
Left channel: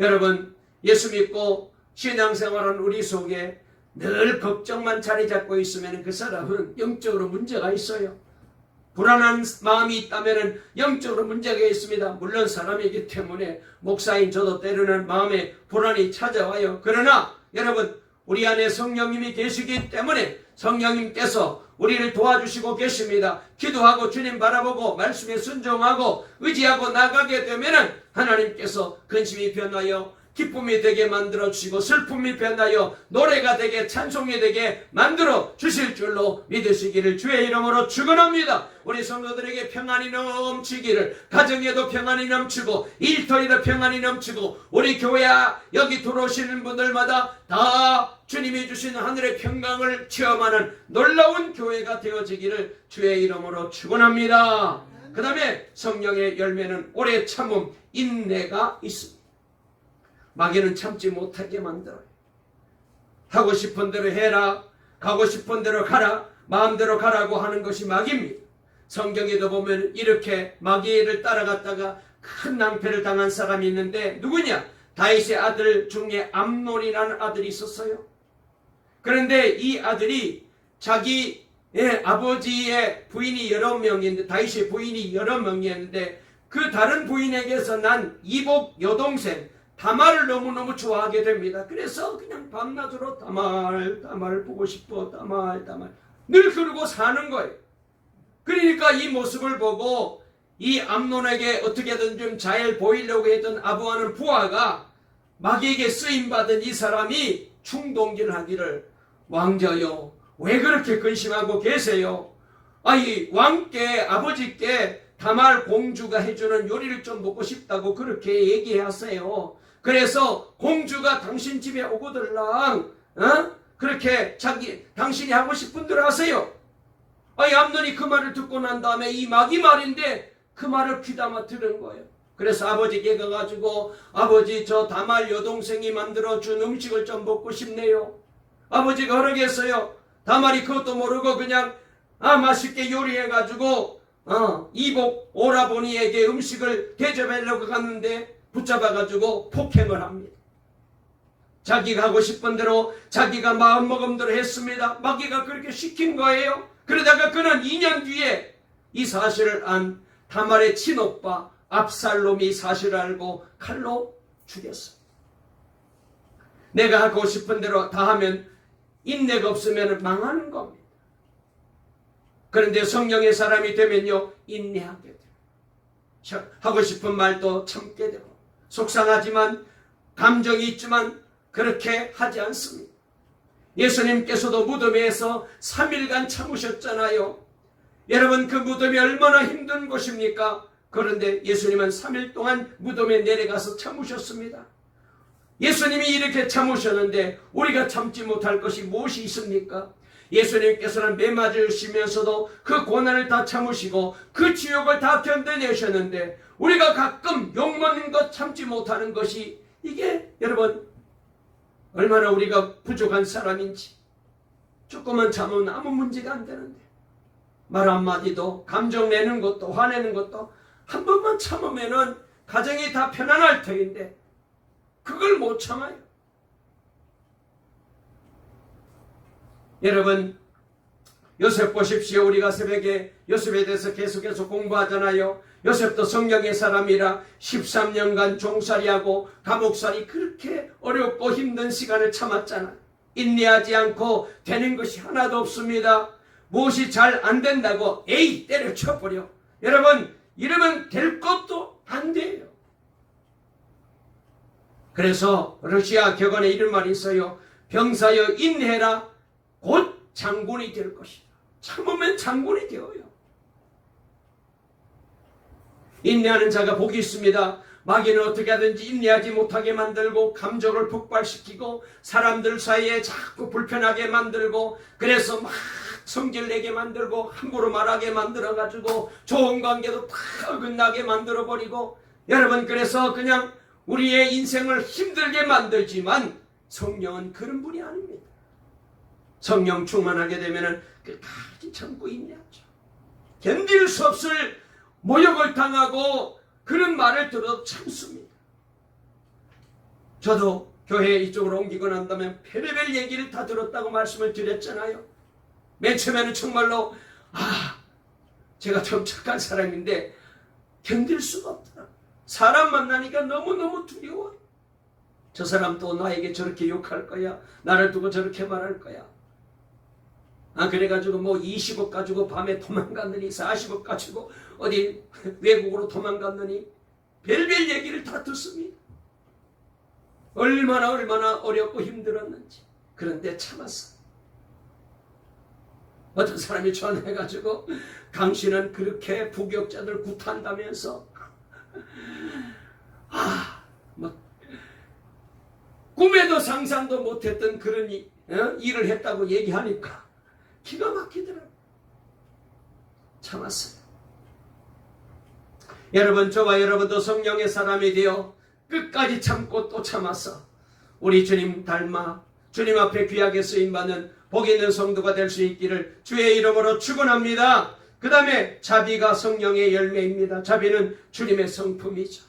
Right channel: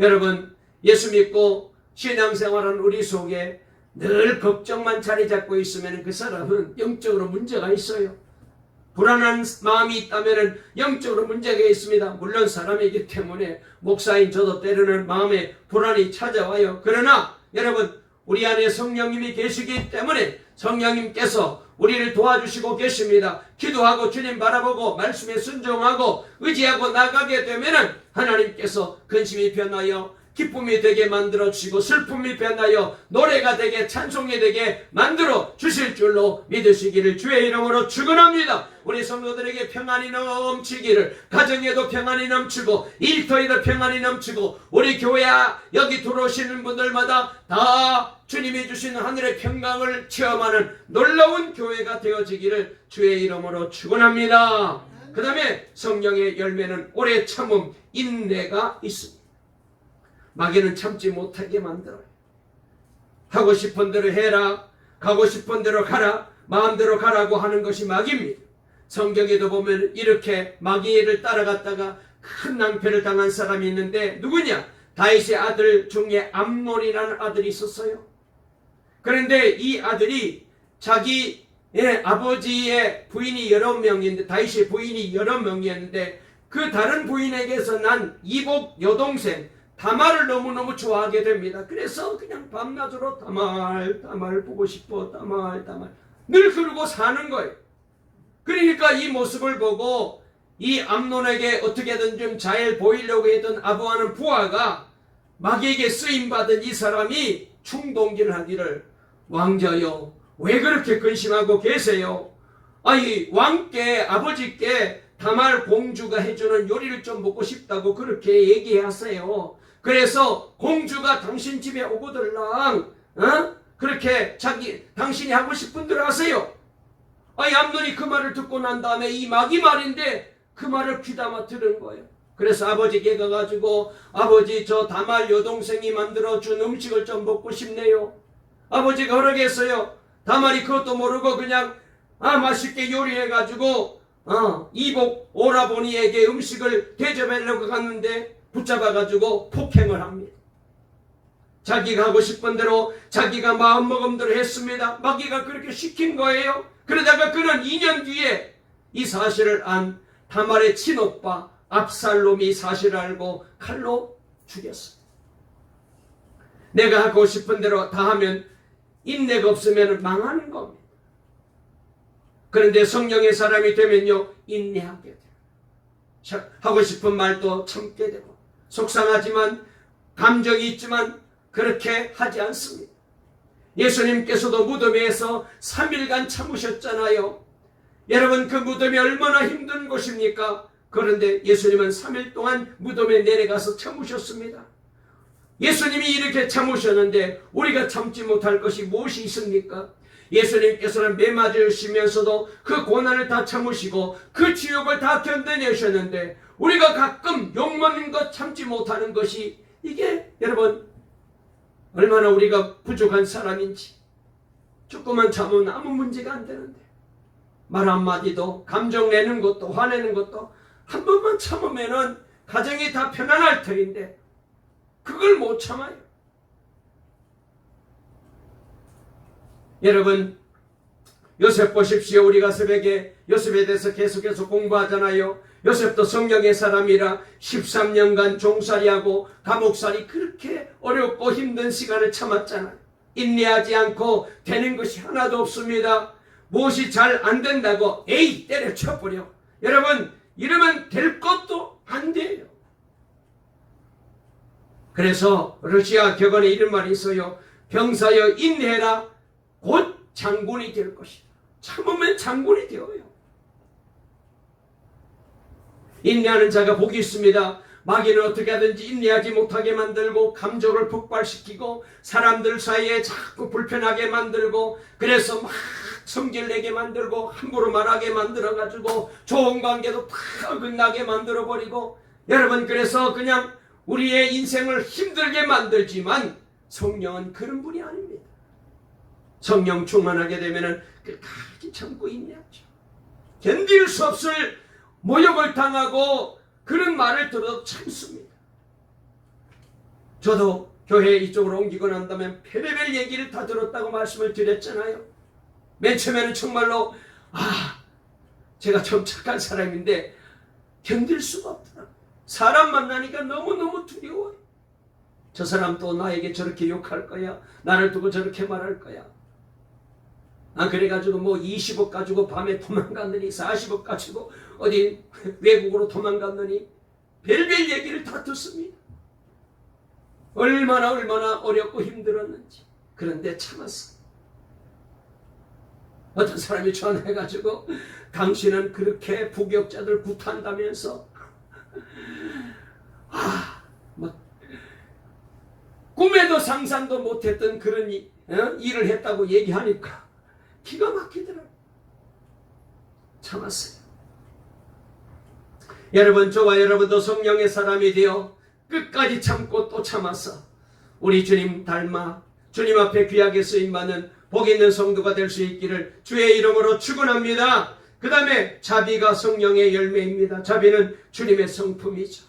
여러분, 예수 믿고 신앙생활은 우리 속에 늘 걱정만 자리 잡고 있으면 그 사람은 영적으로 문제가 있어요. 불안한 마음이 있다면 영적으로 문제가 있습니다. 물론 사람이기 때문에 목사인 저도 때로는 마음에 불안이 찾아와요. 그러나 여러분, 우리 안에 성령님이 계시기 때문에 성령님께서 우리를 도와주시고 계십니다. 기도하고 주님 바라보고 말씀에 순종하고 의지하고 나가게 되면 하나님께서 근심이 변하여 기쁨이 되게 만들어 주시고 슬픔이 변하여 노래가 되게 찬송이 되게 만들어 주실 줄로 믿으시기를 주의 이름으로 축원합니다. 우리 성도들에게 평안이 넘치기를, 가정에도 평안이 넘치고 일터에도 평안이 넘치고 우리 교회야 여기 들어오시는 분들마다 다 주님이 주신 하늘의 평강을 체험하는 놀라운 교회가 되어지기를 주의 이름으로 축원합니다. 그 다음에 성령의 열매는 오래 참음, 인내가 있습니다. 마귀는 참지 못하게 만들어요. 하고 싶은 대로 해라, 가고 싶은 대로 가라, 마음대로 가라고 하는 것이 마귀입니다. 성경에도 보면 이렇게 마귀를 따라갔다가 큰 낭패를 당한 사람이 있는데 누구냐? 다윗의 아들 중에 암논이라는 아들이 있었어요. 그런데 이 아들이 자기 아버지의 부인이 여러 명인데, 다윗의 부인이 여러 명이었는데 그 다른 부인에게서 난 이복 여동생 다말을 너무너무 좋아하게 됩니다. 그래서 그냥 밤낮으로 다말 보고 싶어, 다말 늘 그러고 사는 거예요. 그러니까 이 모습을 보고 이 암논에게 어떻게든 좀 잘 보이려고 했던 아부하는 부하가 마귀에게 쓰임받은 이 사람이 충동질하기를, 왕자여 왜 그렇게 근심하고 계세요? 아이 왕께, 아버지께 다말 공주가 해주는 요리를 좀 먹고 싶다고 그렇게 얘기하세요. 그래서 공주가 당신 집에 오거들랑 그렇게 당신이 하고 싶은 대로 하세요. 이 암논이 그 말을 듣고 난 다음에 이 마귀 말인데 그 말을 귀담아 들은 거예요. 그래서 아버지께 가가지고, 아버지 저 다말 여동생이 만들어준 음식을 좀 먹고 싶네요. 아버지가 허락했어요. 다말이 그것도 모르고 그냥 맛있게 요리해가지고 이복 오라버니에게 음식을 대접하려고 갔는데 붙잡아가지고 폭행을 합니다. 자기가 하고 싶은 대로 자기가 마음먹음대로 했습니다. 마귀가 그렇게 시킨 거예요. 그러다가 그는 2년 뒤에 이 사실을 안 다말의 친오빠 압살롬이 사실을 알고 칼로 죽였어. 내가 하고 싶은 대로 다 하면 인내가 없으면 망하는 겁니다. 그런데 성령의 사람이 되면요, 인내하게 돼요. 하고 싶은 말도 참게 되고, 속상하지만 감정이 있지만 그렇게 하지 않습니다. 예수님께서도 무덤에서 3일간 참으셨잖아요. 여러분, 그 무덤이 얼마나 힘든 곳입니까? 그런데 예수님은 3일 동안 무덤에 내려가서 참으셨습니다. 예수님이 이렇게 참으셨는데 우리가 참지 못할 것이 무엇이 있습니까? 예수님께서는 매 맞으시면서도 그 고난을 다 참으시고 그 지옥을 다 견뎌내셨는데 우리가 가끔 욕먹는 것 참지 못하는 것이, 이게 여러분 얼마나 우리가 부족한 사람인지. 조금만 참으면 아무 문제가 안 되는데, 말 한마디도, 감정 내는 것도, 화내는 것도 한 번만 참으면은 가정이 다 편안할 터인데 그걸 못 참아요. 여러분, 요셉 보십시오. 우리가 새벽에 요셉에 대해서 계속해서 공부하잖아요. 요셉도 성령의 사람이라 13년간 종살이하고 감옥살이 그렇게 어렵고 힘든 시간을 참았잖아요. 인내하지 않고 되는 것이 하나도 없습니다. 무엇이 잘 안 된다고 에이 때려쳐버려. 여러분, 이러면 될 것도 안 돼요. 그래서 러시아 격언에 이런 말이 있어요. 병사여 인내해라, 곧 장군이 될 것이다. 참으면 장군이 되어요. 인내하는 자가 복이 있습니다. 마귀는 어떻게 하든지 인내하지 못하게 만들고 감정을 폭발시키고 사람들 사이에 자꾸 불편하게 만들고 그래서 막 성질내게 만들고 함부로 말하게 만들어가지고 좋은 관계도 다 어긋나게 만들어버리고 여러분 그래서 그냥 우리의 인생을 힘들게 만들지만 성령은 그런 분이 아닙니다. 성령 충만하게 되면 끝까지 참고 인내하죠. 견딜 수 없을 모욕을 당하고 그런 말을 들어도 참습니다. 저도 교회 이쪽으로 옮기고 난 다음에 별의별 얘기를 다 들었다고 말씀을 드렸잖아요. 맨 처음에는 정말로 제가 좀 착한 사람인데 견딜 수가 없더라고요. 사람 만나니까 너무너무 두려워요. 저 사람 또 나에게 저렇게 욕할 거야. 나를 두고 저렇게 말할 거야. 그래가지고 20억 가지고 밤에 도망갔느니 40억 가지고 어디 외국으로 도망갔느니 별별 얘기를 다 듣습니다. 얼마나 어렵고 힘들었는지. 그런데 참았어. 어떤 사람이 전화해가지고 당신은 그렇게 부격자들 굿한다면서 꿈에도 상상도 못했던 그런 일을 했다고 얘기하니까 기가 막히더라고요. 참았어요. 여러분 저와 여러분도 성령의 사람이 되어 끝까지 참고 또 참았어 우리 주님 닮아 주님 앞에 귀하게 쓰임받는 복 있는 성도가 될 수 있기를 주의 이름으로 축원합니다. 그 다음에 자비가 성령의 열매입니다. 자비는 주님의 성품이죠.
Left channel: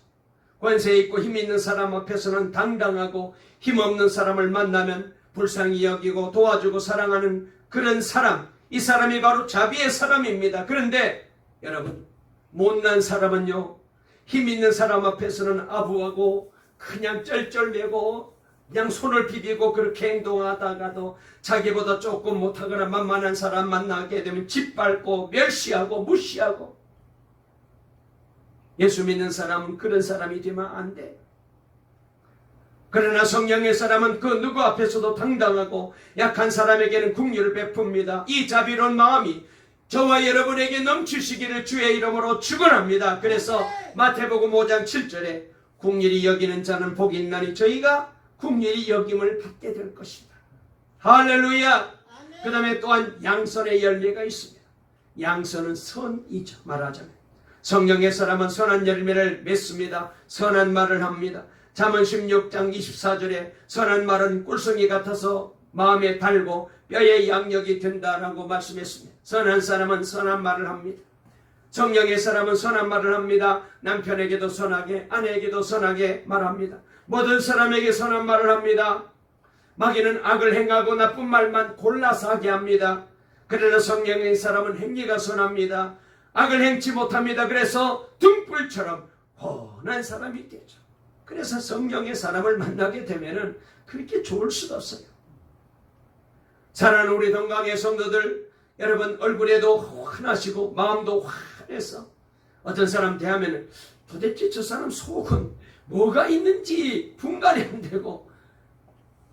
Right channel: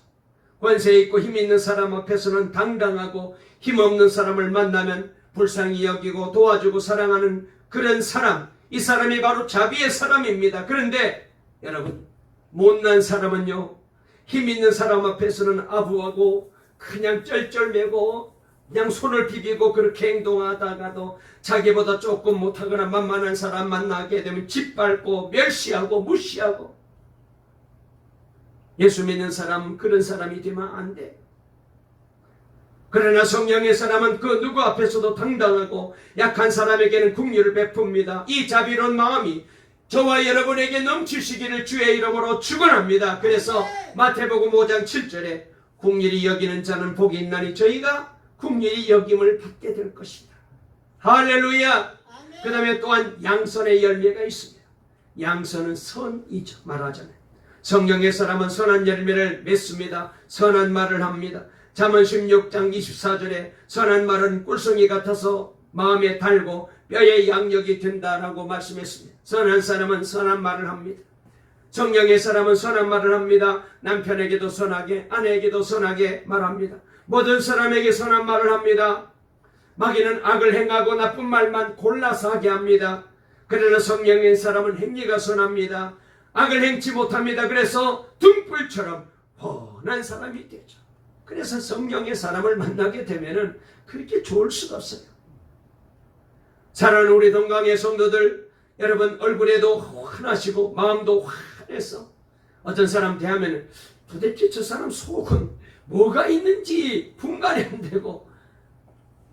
권세 있고 힘 있는 사람 앞에서는 당당하고 힘없는 사람을 만나면 불쌍히 여기고 도와주고 사랑하는 그런 사람, 이 사람이 바로 자비의 사람입니다. 그런데 여러분 못난 사람은요 힘 있는 사람 앞에서는 아부하고 그냥 쩔쩔매고 그냥 손을 비비고 그렇게 행동하다가도 자기보다 조금 못하거나 만만한 사람 만나게 되면 짓밟고 멸시하고 무시하고 예수 믿는 사람은 그런 사람이 되면 안 돼. 그러나 성령의 사람은 그 누구 앞에서도 당당하고 약한 사람에게는 긍휼을 베풉니다. 이 자비로운 마음이 저와 여러분에게 넘치시기를 주의 이름으로 축원합니다. 그래서 마태복음 5장 7절에 긍휼히 여기는 자는 복이 있나니 저희가 긍휼히 여김을 받게 될 것이다. 할렐루야. 그 다음에 또한 양선의 열매가 있습니다. 양선은 선이죠. 말하자면 성령의 사람은 선한 열매를 맺습니다. 선한 말을 합니다. 잠언 16장 24절에 선한 말은 꿀송이 같아서 마음에 달고 뼈에 양력이 된다라고 말씀했습니다. 선한 사람은 선한 말을 합니다. 성령의 사람은 선한 말을 합니다. 남편에게도 선하게 아내에게도 선하게 말합니다. 모든 사람에게 선한 말을 합니다. 마귀는 악을 행하고 나쁜 말만 골라서 하게 합니다. 그러나 성령의 사람은 행위가 선합니다. 악을 행치 못합니다. 그래서 등불처럼 훤한 사람이 되죠. 그래서 성령의 사람을 만나게 되면은 그렇게 좋을 수가 없어요. 사랑하는 우리 동강의 성도들 여러분 얼굴에도 환하시고 마음도 환해서 어떤 사람 대하면 도대체 저 사람 속은 뭐가 있는지 분간이 안 되고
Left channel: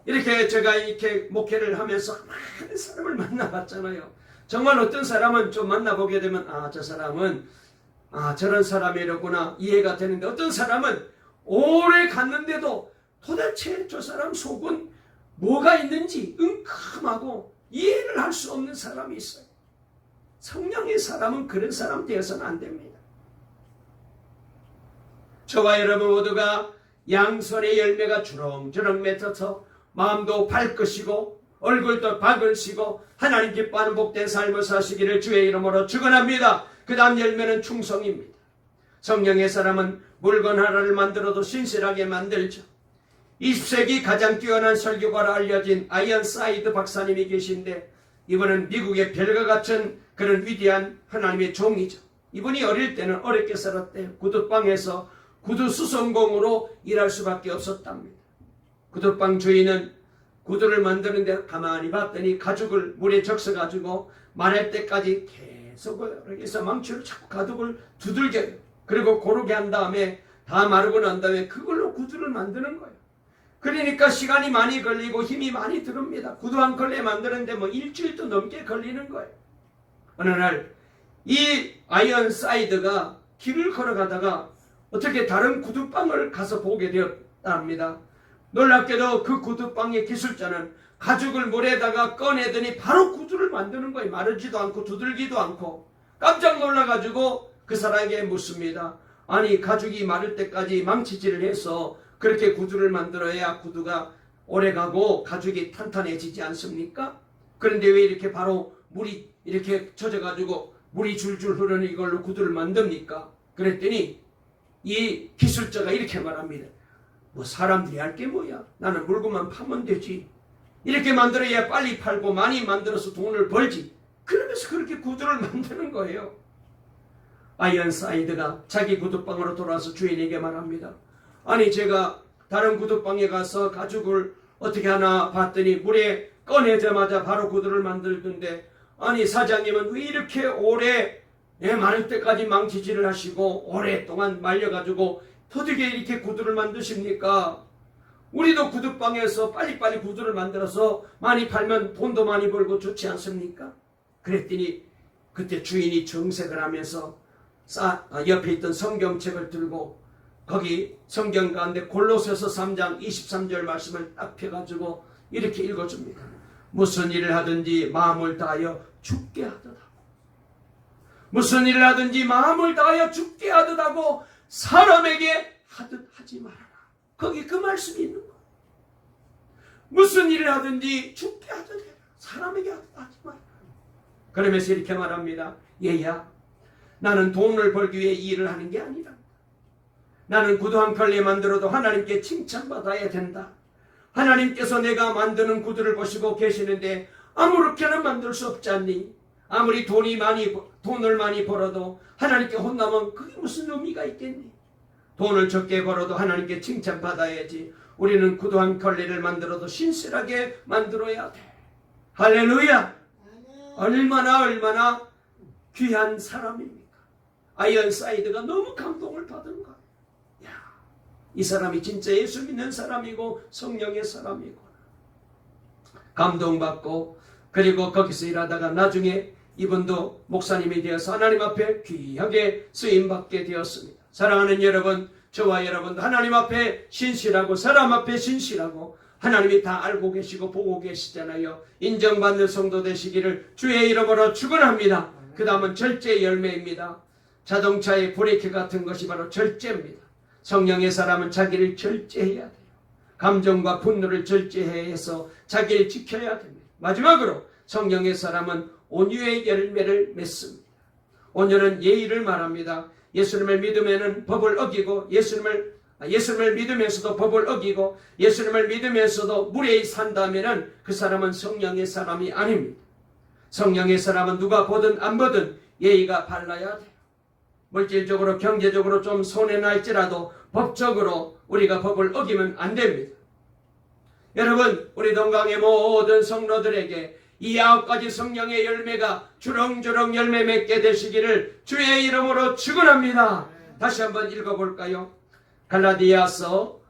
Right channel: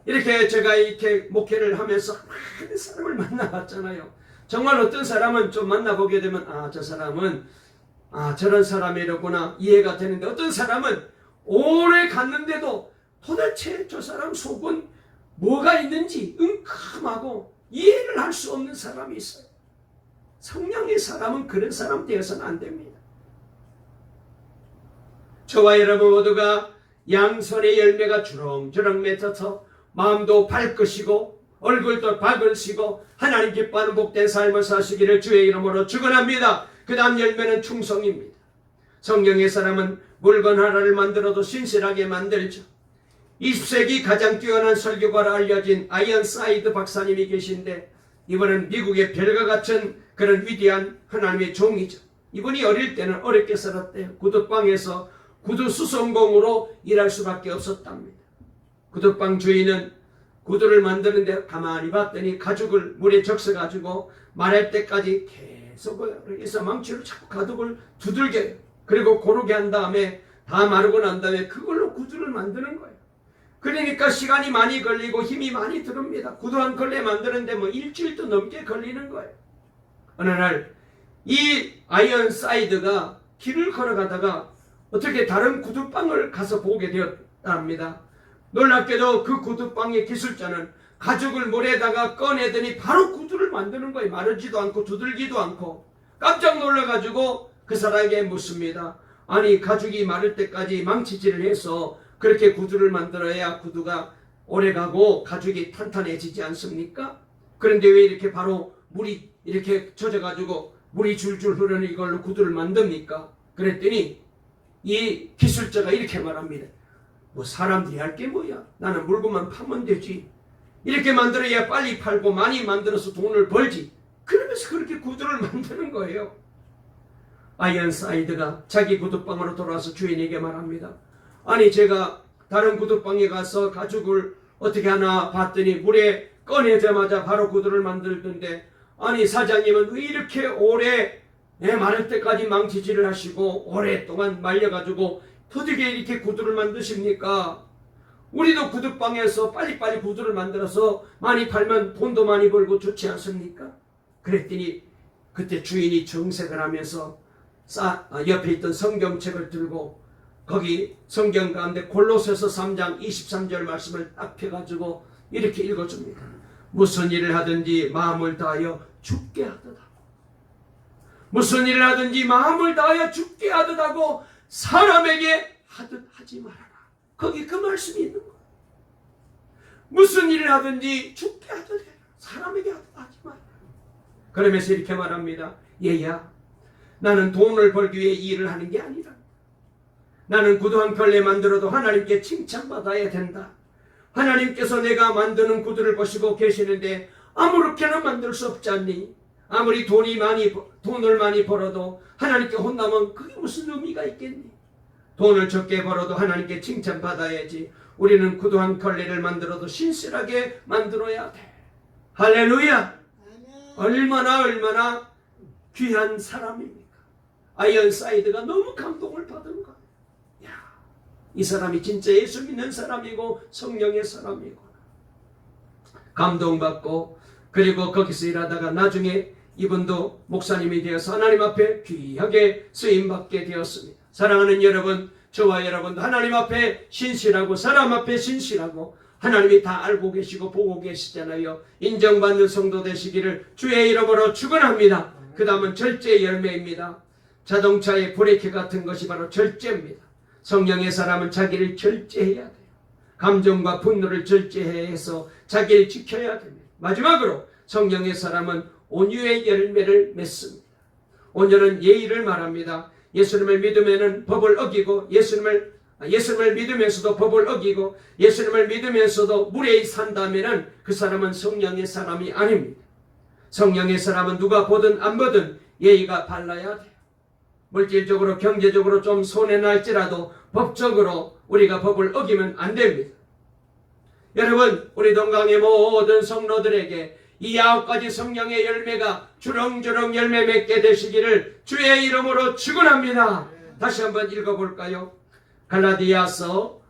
이렇게 제가 이렇게 목회를 하면서 많은 사람을 만나봤잖아요. 정말 어떤 사람은 좀 만나보게 되면 저 사람은 저런 사람이라구나 이해가 되는데 어떤 사람은 오래 갔는데도 도대체 저 사람 속은 뭐가 있는지 은큼하고 이해를 할 수 없는 사람이 있어요. 성령의 사람은 그런 사람 되어서는 안 됩니다. 저와 여러분 모두가 양선의 열매가 주렁주렁 맺어서 마음도 밝으시고 얼굴도 밝으시고 하나님 기뻐하는 복된 삶을 사시기를 주의 이름으로 축원합니다. 그 다음 열매는 충성입니다. 성령의 사람은 물건 하나를 만들어도 신실하게 만들죠. 20세기 가장 뛰어난 설교가로 알려진 아이언사이드 박사님이 계신데 이번엔 미국의 별과 같은 그런 위대한 하나님의 종이죠. 이분이 어릴 때는 어렵게 살았대요. 구두방에서 구두 수선공으로 일할 수밖에 없었답니다. 구두방 주인은 구두를 만드는데 가만히 봤더니 가죽을 물에 적셔가지고 마를 때까지 계속 여기서 망치로 자꾸 가죽을 두들겨요. 그리고 고르게 한 다음에 다 마르고 난 다음에 그걸로 구두를 만드는 거예요. 그러니까 시간이 많이 걸리고 힘이 많이 들습니다. 구두 한 컬레 만드는데 일주일도 넘게 걸리는 거예요. 어느 날 이 아이언사이드가 길을 걸어가다가 어떻게 다른 구두방을 가서 보게 되었답니다. 놀랍게도 그 구두방의 기술자는 가죽을 물에다가 꺼내더니 바로 구두를 만드는 거예요. 마르지도 않고 두들기도 않고. 깜짝 놀라가지고 그 사람에게 묻습니다. 아니, 가죽이 마를 때까지 망치질을 해서 그렇게 구두를 만들어야 구두가 오래가고 가죽이 탄탄해지지 않습니까? 그런데 왜 이렇게 바로 물이 이렇게 젖어가지고 물이 줄줄 흐르는 이걸로 구두를 만듭니까? 그랬더니 이 기술자가 이렇게 말합니다. 뭐 사람들이 할 게 뭐야? 나는 물건만 파면 되지. 이렇게 만들어야 빨리 팔고 많이 만들어서 돈을 벌지. 그러면서 그렇게 구두를 만드는 거예요. 아이언사이드가 자기 구두방으로 돌아와서 주인에게 말합니다. 아니, 제가 다른 구두방에 가서 가죽을 어떻게 하나 봤더니 물에 꺼내자마자 바로 구두를 만들던데, 아니 사장님은 왜 이렇게 오래 마를 때까지 망치질을 하시고 오랫동안 말려가지고 어떻게 이렇게 구두를 만드십니까? 우리도 구두방에서 빨리빨리 구두를 만들어서 많이 팔면 돈도 많이 벌고 좋지 않습니까? 그랬더니 그때 주인이 정색을 하면서 옆에 있던 성경책을 들고 거기 성경 가운데 골로새서 3장 23절 말씀을 딱 펴가지고 이렇게 읽어줍니다. 무슨 일을 하든지 마음을 다하여 죽게 하듯하고, 무슨 일을 하든지 마음을 다하여 죽게 하듯하고 사람에게 하듯 하지 말아라. 거기 그 말씀이 있는 거예요. 무슨 일을 하든지 죽게 하듯 해라. 사람에게 하듯 하지 말아라. 그러면서 이렇게 말합니다. 얘야, 나는 돈을 벌기 위해 일을 하는 게 아니라 나는 구두 한 켤레 만들어도 하나님께 칭찬받아야 된다. 하나님께서 내가 만드는 구두를 보시고 계시는데 아무렇게나 만들 수 없지 않니? 아무리 돈을 많이 벌어도 하나님께 혼나면 그게 무슨 의미가 있겠니? 돈을 적게 벌어도 하나님께 칭찬받아야지. 우리는 구두 한 켤레를 만들어도 신실하게 만들어야 돼. 할렐루야! 얼마나 귀한 사람입니까? 아이언사이드가 너무 감동을 받은 거예요. 야, 이 사람이 진짜 예수 믿는 사람이고 성령의 사람이고, 감동받고, 그리고 거기서 일하다가 나중에 이분도 목사님이 되어서 하나님 앞에 귀하게 쓰임받게 되었습니다. 사랑하는 여러분, 저와 여러분도 하나님 앞에 신실하고 사람 앞에 신실하고 하나님이 다 알고 계시고 보고 계시잖아요. 인정받는 성도 되시기를 주의 이름으로 축원합니다. 그 다음은 절제 열매입니다. 자동차의 브레이크 같은 것이 바로 절제입니다. 성령의 사람은 자기를 절제해야 돼요. 감정과 분노를 절제해서 자기를 지켜야 됩니다. 마지막으로 성령의 사람은 온유의 열매를 맺습니다. 온유는 예의를 말합니다. 예수님을 믿으면은 법을 어기고, 예수님을 믿으면서도 법을 어기고, 예수님을 믿으면서도 무례히 산다면은 그 사람은 성령의 사람이 아닙니다. 성령의 사람은 누가 보든 안 보든 예의가 발라야 돼요. 물질적으로 경제적으로 좀 손해날지라도 법적으로 우리가 법을 어기면 안 됩니다. 여러분, 우리 동강의 모든 성도들에게 이 9가지 성령의 열매가 주렁주렁 열매 맺게 되시기를 주의 이름으로 축원합니다. 다시 한번 읽어볼까요? 갈라디아서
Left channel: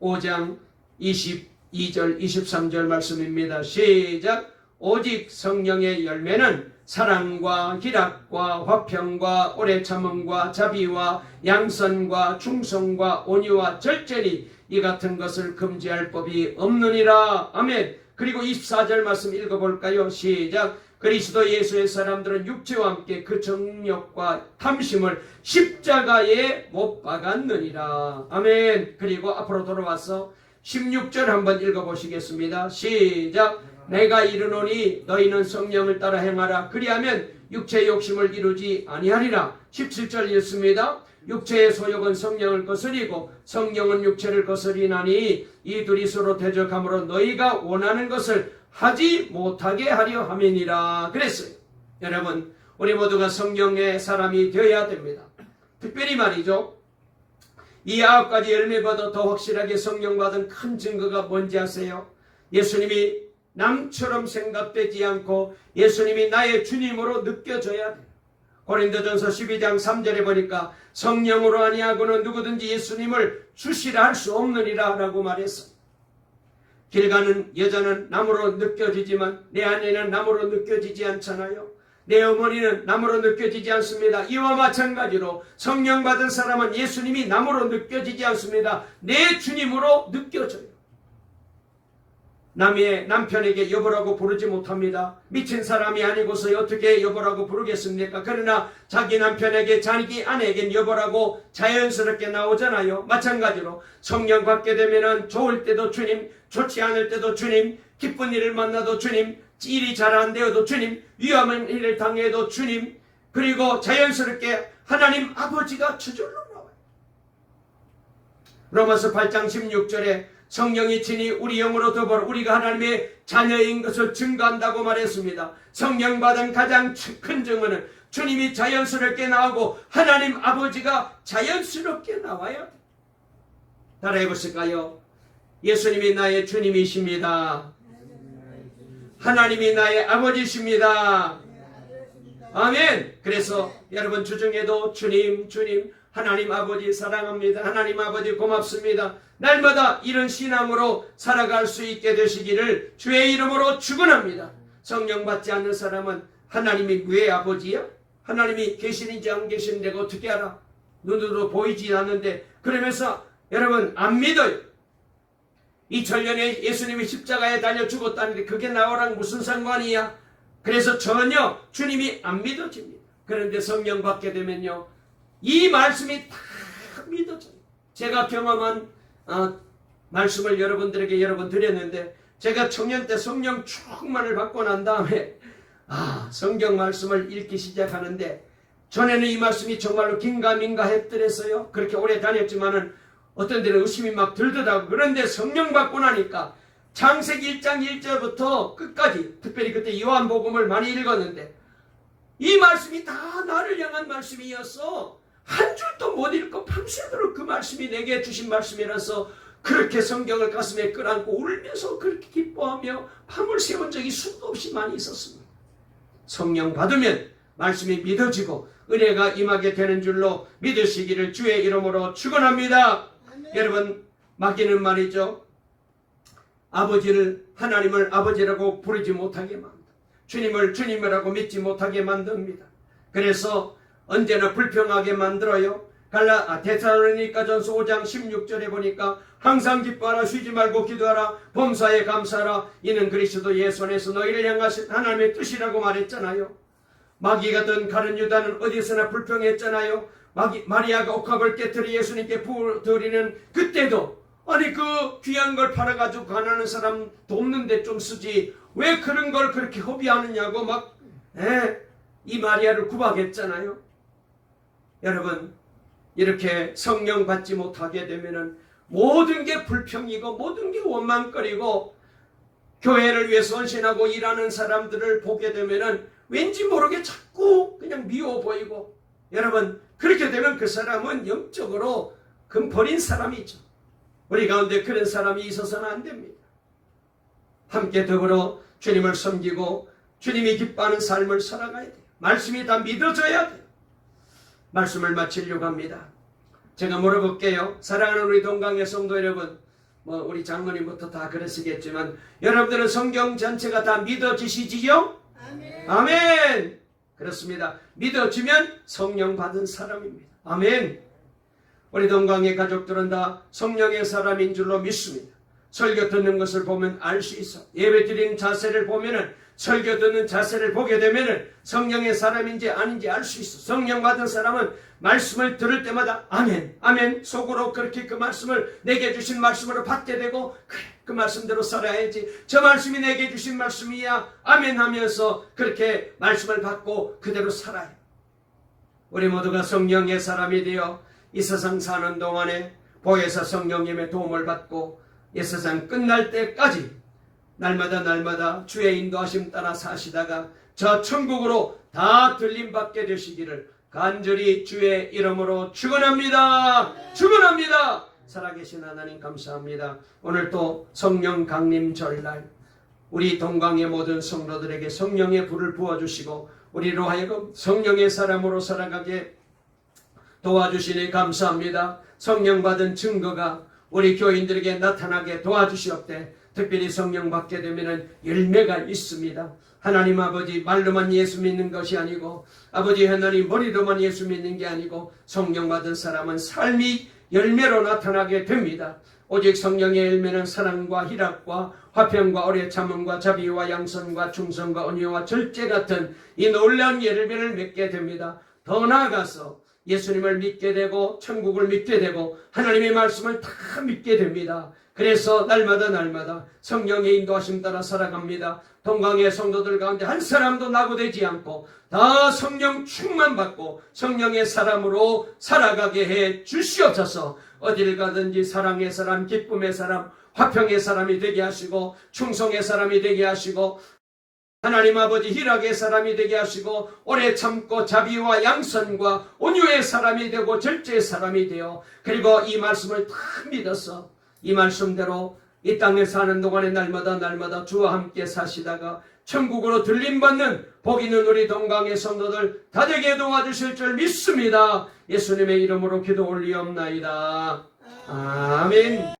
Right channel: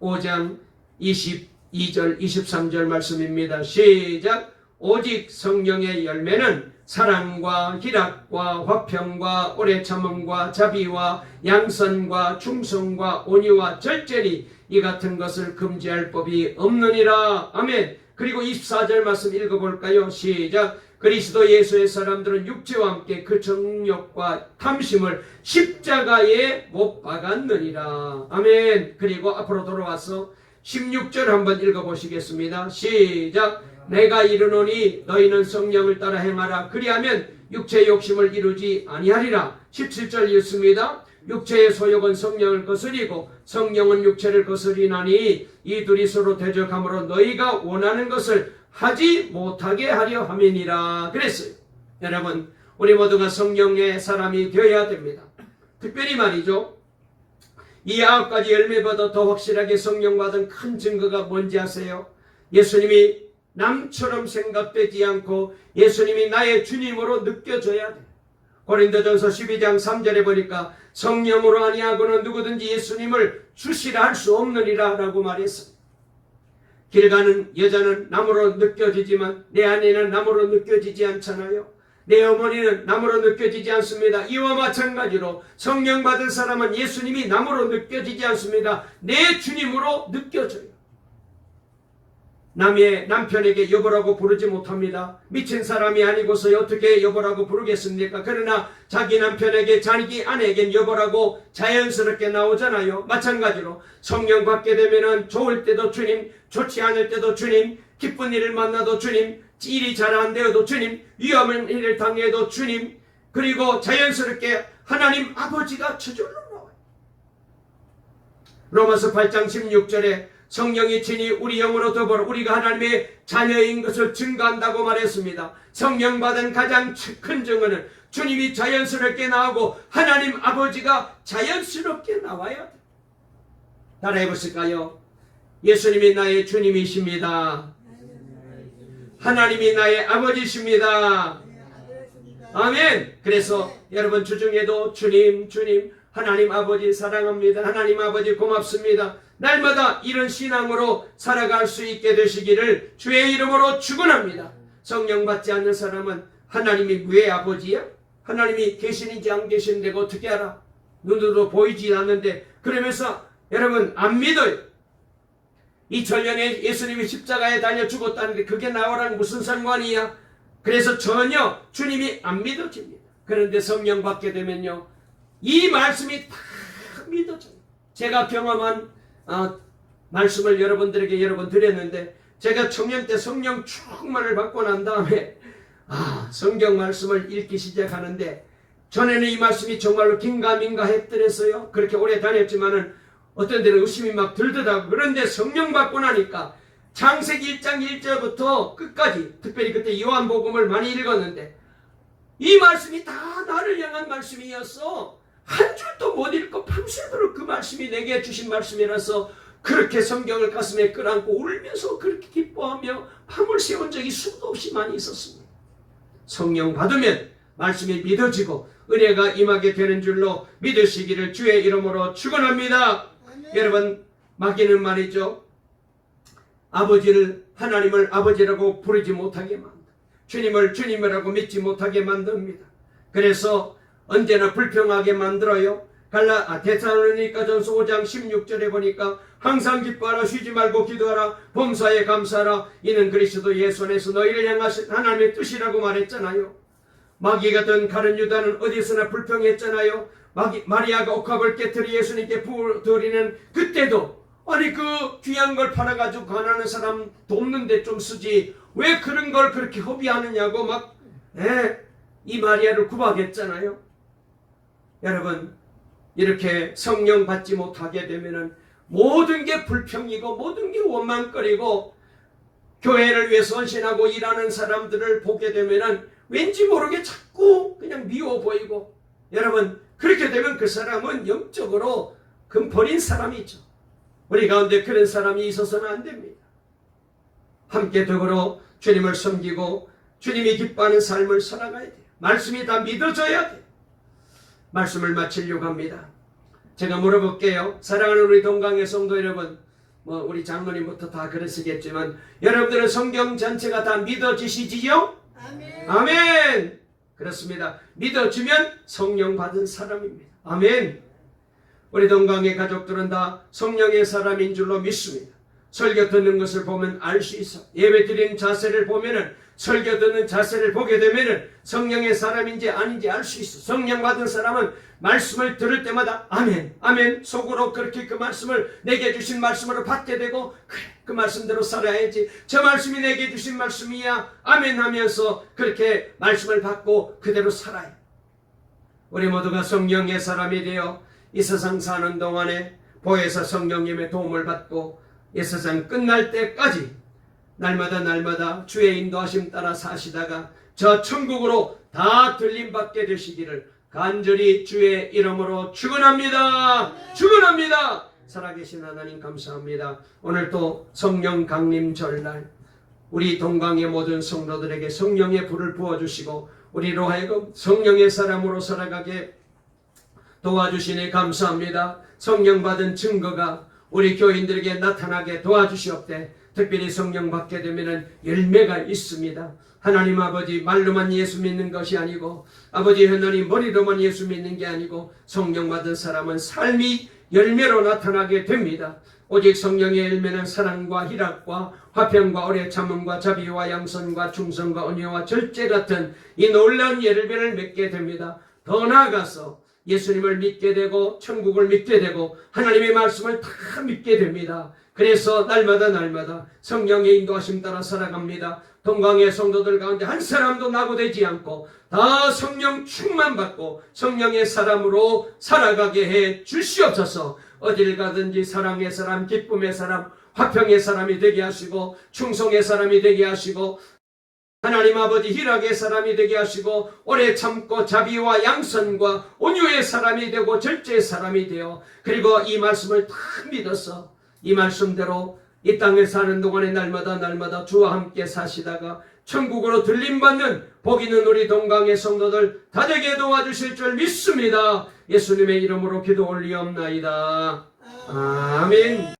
5장 22절 23절 말씀입니다. 시작. 오직 성령의 열매는 사랑과 희락과 화평과 오래 참음과 자비와 양선과 충성과 온유와 절제니 이 같은 것을 금지할 법이 없느니라. 아멘. 그리고 24절 말씀 읽어볼까요? 시작. 그리스도 예수의 사람들은 육체와 함께 그 정욕과 탐심을 십자가에 못 박았느니라. 아멘. 그리고 앞으로 돌아와서 16절 한번 읽어보시겠습니다. 시작. 내가 이르노니 너희는 성령을 따라 행하라. 그리하면 육체의 욕심을 이루지 아니하리라. 17절 읽습니다. 육체의 소욕은 성령을 거스리고 성령은 육체를 거스리나니 이 둘이 서로 대적함으로 너희가 원하는 것을 하지 못하게 하려 함이니라. 그랬어요. 여러분, 우리 모두가 성령의 사람이 되어야 됩니다. 특별히 말이죠, 이 9가지 열매보다 더 확실하게 성령받은 큰 증거가 뭔지 아세요? 예수님이 남처럼 생각되지 않고 예수님이 나의 주님으로 느껴져야 돼요. 고린도전서 12장 3절에 보니까 성령으로 아니하고는 누구든지 예수님을 주시라 할 수 없느니라 라고 말했습니다. 길 가는 여자는 남으로 느껴지지만 내 안에는 남으로 느껴지지 않잖아요. 내 어머니는 남으로 느껴지지 않습니다. 이와 마찬가지로 성령 받은 사람은 예수님이 남으로 느껴지지 않습니다. 내 주님으로 느껴져요. 남의 남편에게 여보라고 부르지 못합니다. 미친 사람이 아니고서 어떻게 여보라고 부르겠습니까? 그러나 자기 남편에게 자기 아내에겐 여보라고 자연스럽게 나오잖아요. 마찬가지로 성령 받게 되면은 좋을 때도 주님, 좋지 않을 때도 주님, 기쁜 일을 만나도 주님, 일이 잘 안 되어도 주님, 위험한 일을 당해도 주님, 그리고 자연스럽게 하나님 아버지가 저절로 나와요. 로마서 8장 16절에 성령이 친히 우리 영으로 더불어 우리가 하나님의 자녀인 것을 증거한다고 말했습니다. 성령 받은 가장 큰 증거는 주님이 자연스럽게 나오고 하나님 아버지가 자연스럽게 나와야 돼요. 따라해 보실까요? 예수님이 나의 주님이십니다. 하나님이 나의 아버지십니다. 아멘. 그래서 여러분 주중에도 주님, 주님, 하나님 아버지 사랑합니다. 하나님 아버지 고맙습니다. 날마다 이런 신앙으로 살아갈 수 있게 되시기를 주의 이름으로 축원합니다. 성령 받지 않는 사람은 하나님이 왜 아버지야? 하나님이 계시는지 안 계시는데 어떻게 알아? 눈으로 보이지 않는데 그러면서 여러분 안 믿어요. 2000년에 예수님이 십자가에 달려 죽었다는데 그게 나와랑 무슨 상관이야? 그래서 전혀 주님이 안 믿어집니다. 그런데 성령 받게 되면요, 이 말씀이 다 믿어져요. 제가 경험한 말씀을 여러분들에게 여러 번 드렸는데, 제가 청년 때 성령 충만을 받고 난 다음에 성경 말씀을 읽기 시작하는데, 전에는 이 말씀이 정말로 긴가민가 했더랬어요. 그렇게 오래 다녔지만은 어떤 데는 의심이 막 들더라고. 그런데 성령 받고 나니까 창세기 1장 1절부터 끝까지, 특별히 그때 요한복음을 많이 읽었는데 이 말씀이 다 나를 향한 말씀이었어. 한 줄도 못 읽고 밤새도록 그 말씀이 내게 주신 말씀이라서 그렇게 성경을 가슴에 끌안고 울면서 그렇게 기뻐하며 밤을 새운 적이 수도 없이 많이 있었습니다. 성령 받으면 말씀이 믿어지고 은혜가 임하게 되는 줄로 믿으시기를 주의 이름으로 축원합니다. 여러분, 마귀는 말이죠, 아버지를, 하나님을 아버지라고 부르지 못하게 만듭니다. 주님을 주님이라고 믿지 못하게 만듭니다. 그래서 언제나 불평하게 만들어요. 데살로니가전서 5장 16절에 보니까 항상 기뻐하라, 쉬지 말고 기도하라, 범사에 감사하라, 이는 그리스도 예수 안에서 너희를 향하신 하나님의 뜻이라고 말했잖아요. 마귀 같은 가룟 유다는 어디서나 불평했잖아요. 마리아가 옥합을 깨트려 예수님께 부어드리는 그때도, 아니 그 귀한 걸 팔아가지고 가난한 사람 돕는데 좀 쓰지 왜 그런 걸 그렇게 허비하느냐고 막 이 마리아를 구박했잖아요. 여러분, 이렇게 성령 받지 못하게 되면은 모든 게 불평이고 모든 게 원망거리고, 교회를 위해 헌신하고 일하는 사람들을 보게 되면은 왠지 모르게 자꾸 그냥 미워 보이고, 여러분 그렇게 되면 그 사람은 영적으로 버린 사람이죠. 우리 가운데 그런 사람이 있어서는 안 됩니다. 함께 더불어 주님을 섬기고 주님이 기뻐하는 삶을 살아가야 돼요. 말씀이 다 믿어져야 돼요. 말씀을 마치려고 합니다. 제가 물어볼게요. 사랑하는 우리 동강의 성도 여러분, 우리 장로님부터 다 그러시겠지만 여러분들은 성경 전체가 다 믿어지시지요? 아멘. 아멘. 그렇습니다. 믿어지면 성령 받은 사람입니다. 아멘. 우리 동강의 가족들은 다 성령의 사람인 줄로 믿습니다. 설교 듣는 것을 보면 알 수 있어. 예배 드리는 자세를 보면은, 설교 듣는 자세를 보게 되면은 성령의 사람인지 아닌지 알 수 있어. 성령 받은 사람은 말씀을 들을 때마다 아멘, 아멘, 속으로 그렇게 그 말씀을 내게 주신 말씀으로 받게 되고, 그래, 그 말씀대로 살아야지, 저 말씀이 내게 주신 말씀이야, 아멘 하면서 그렇게 말씀을 받고 그대로 살아요. 우리 모두가 성령의 사람이 되어 이 세상 사는 동안에 보혜사 성령님의 도움을 받고 이 세상 끝날 때까지 날마다 주의 인도하심 따라 사시다가 저 천국으로 다 들림받게 되시기를 간절히 주의 이름으로 축원합니다. 축원합니다. 살아계신 하나님 감사합니다. 오늘 또 성령 강림 절날 우리 동강의 모든 성도들에게 성령의 불을 부어주시고 우리로 하여금 성령의 사람으로 살아가게 도와주시니 감사합니다. 성령 받은 증거가 우리 교인들에게 나타나게 도와주시옵되, 특별히 성령 받게 되면 열매가 있습니다. 하나님 아버지, 말로만 예수 믿는 것이 아니고 아버지 하나님 머리로만 예수 믿는 게 아니고 성령 받은 사람은 삶이 열매로 나타나게 됩니다. 오직 성령의 열매는 사랑과 희락과 화평과 오래 참음과 자비와 양선과 충성과 은혜와 절제 같은 이 놀라운 열매를 맺게 됩니다. 더 나아가서 예수님을 믿게 되고 천국을 믿게 되고 하나님의 말씀을 다 믿게 됩니다. 그래서 날마다 성령의 인도하심 따라 살아갑니다. 동강의 성도들 가운데 한 사람도 낙오되지 않고 다 성령 충만 받고 성령의 사람으로 살아가게 해 주시옵소서. 어딜 가든지 사랑의 사람, 기쁨의 사람, 화평의 사람이 되게 하시고 충성의 사람이 되게 하시고 하나님 아버지 희락의 사람이 되게 하시고 오래 참고 자비와 양선과 온유의 사람이 되고 절제의 사람이 되어 그리고 이 말씀을 다 믿어서 이 말씀대로 이 땅에 사는 동안에 날마다 주와 함께 사시다가 천국으로 들림받는 복 있는 우리 동강의 성도들 다 되게 도와주실 줄 믿습니다. 예수님의 이름으로 기도 올리옵나이다. 아멘.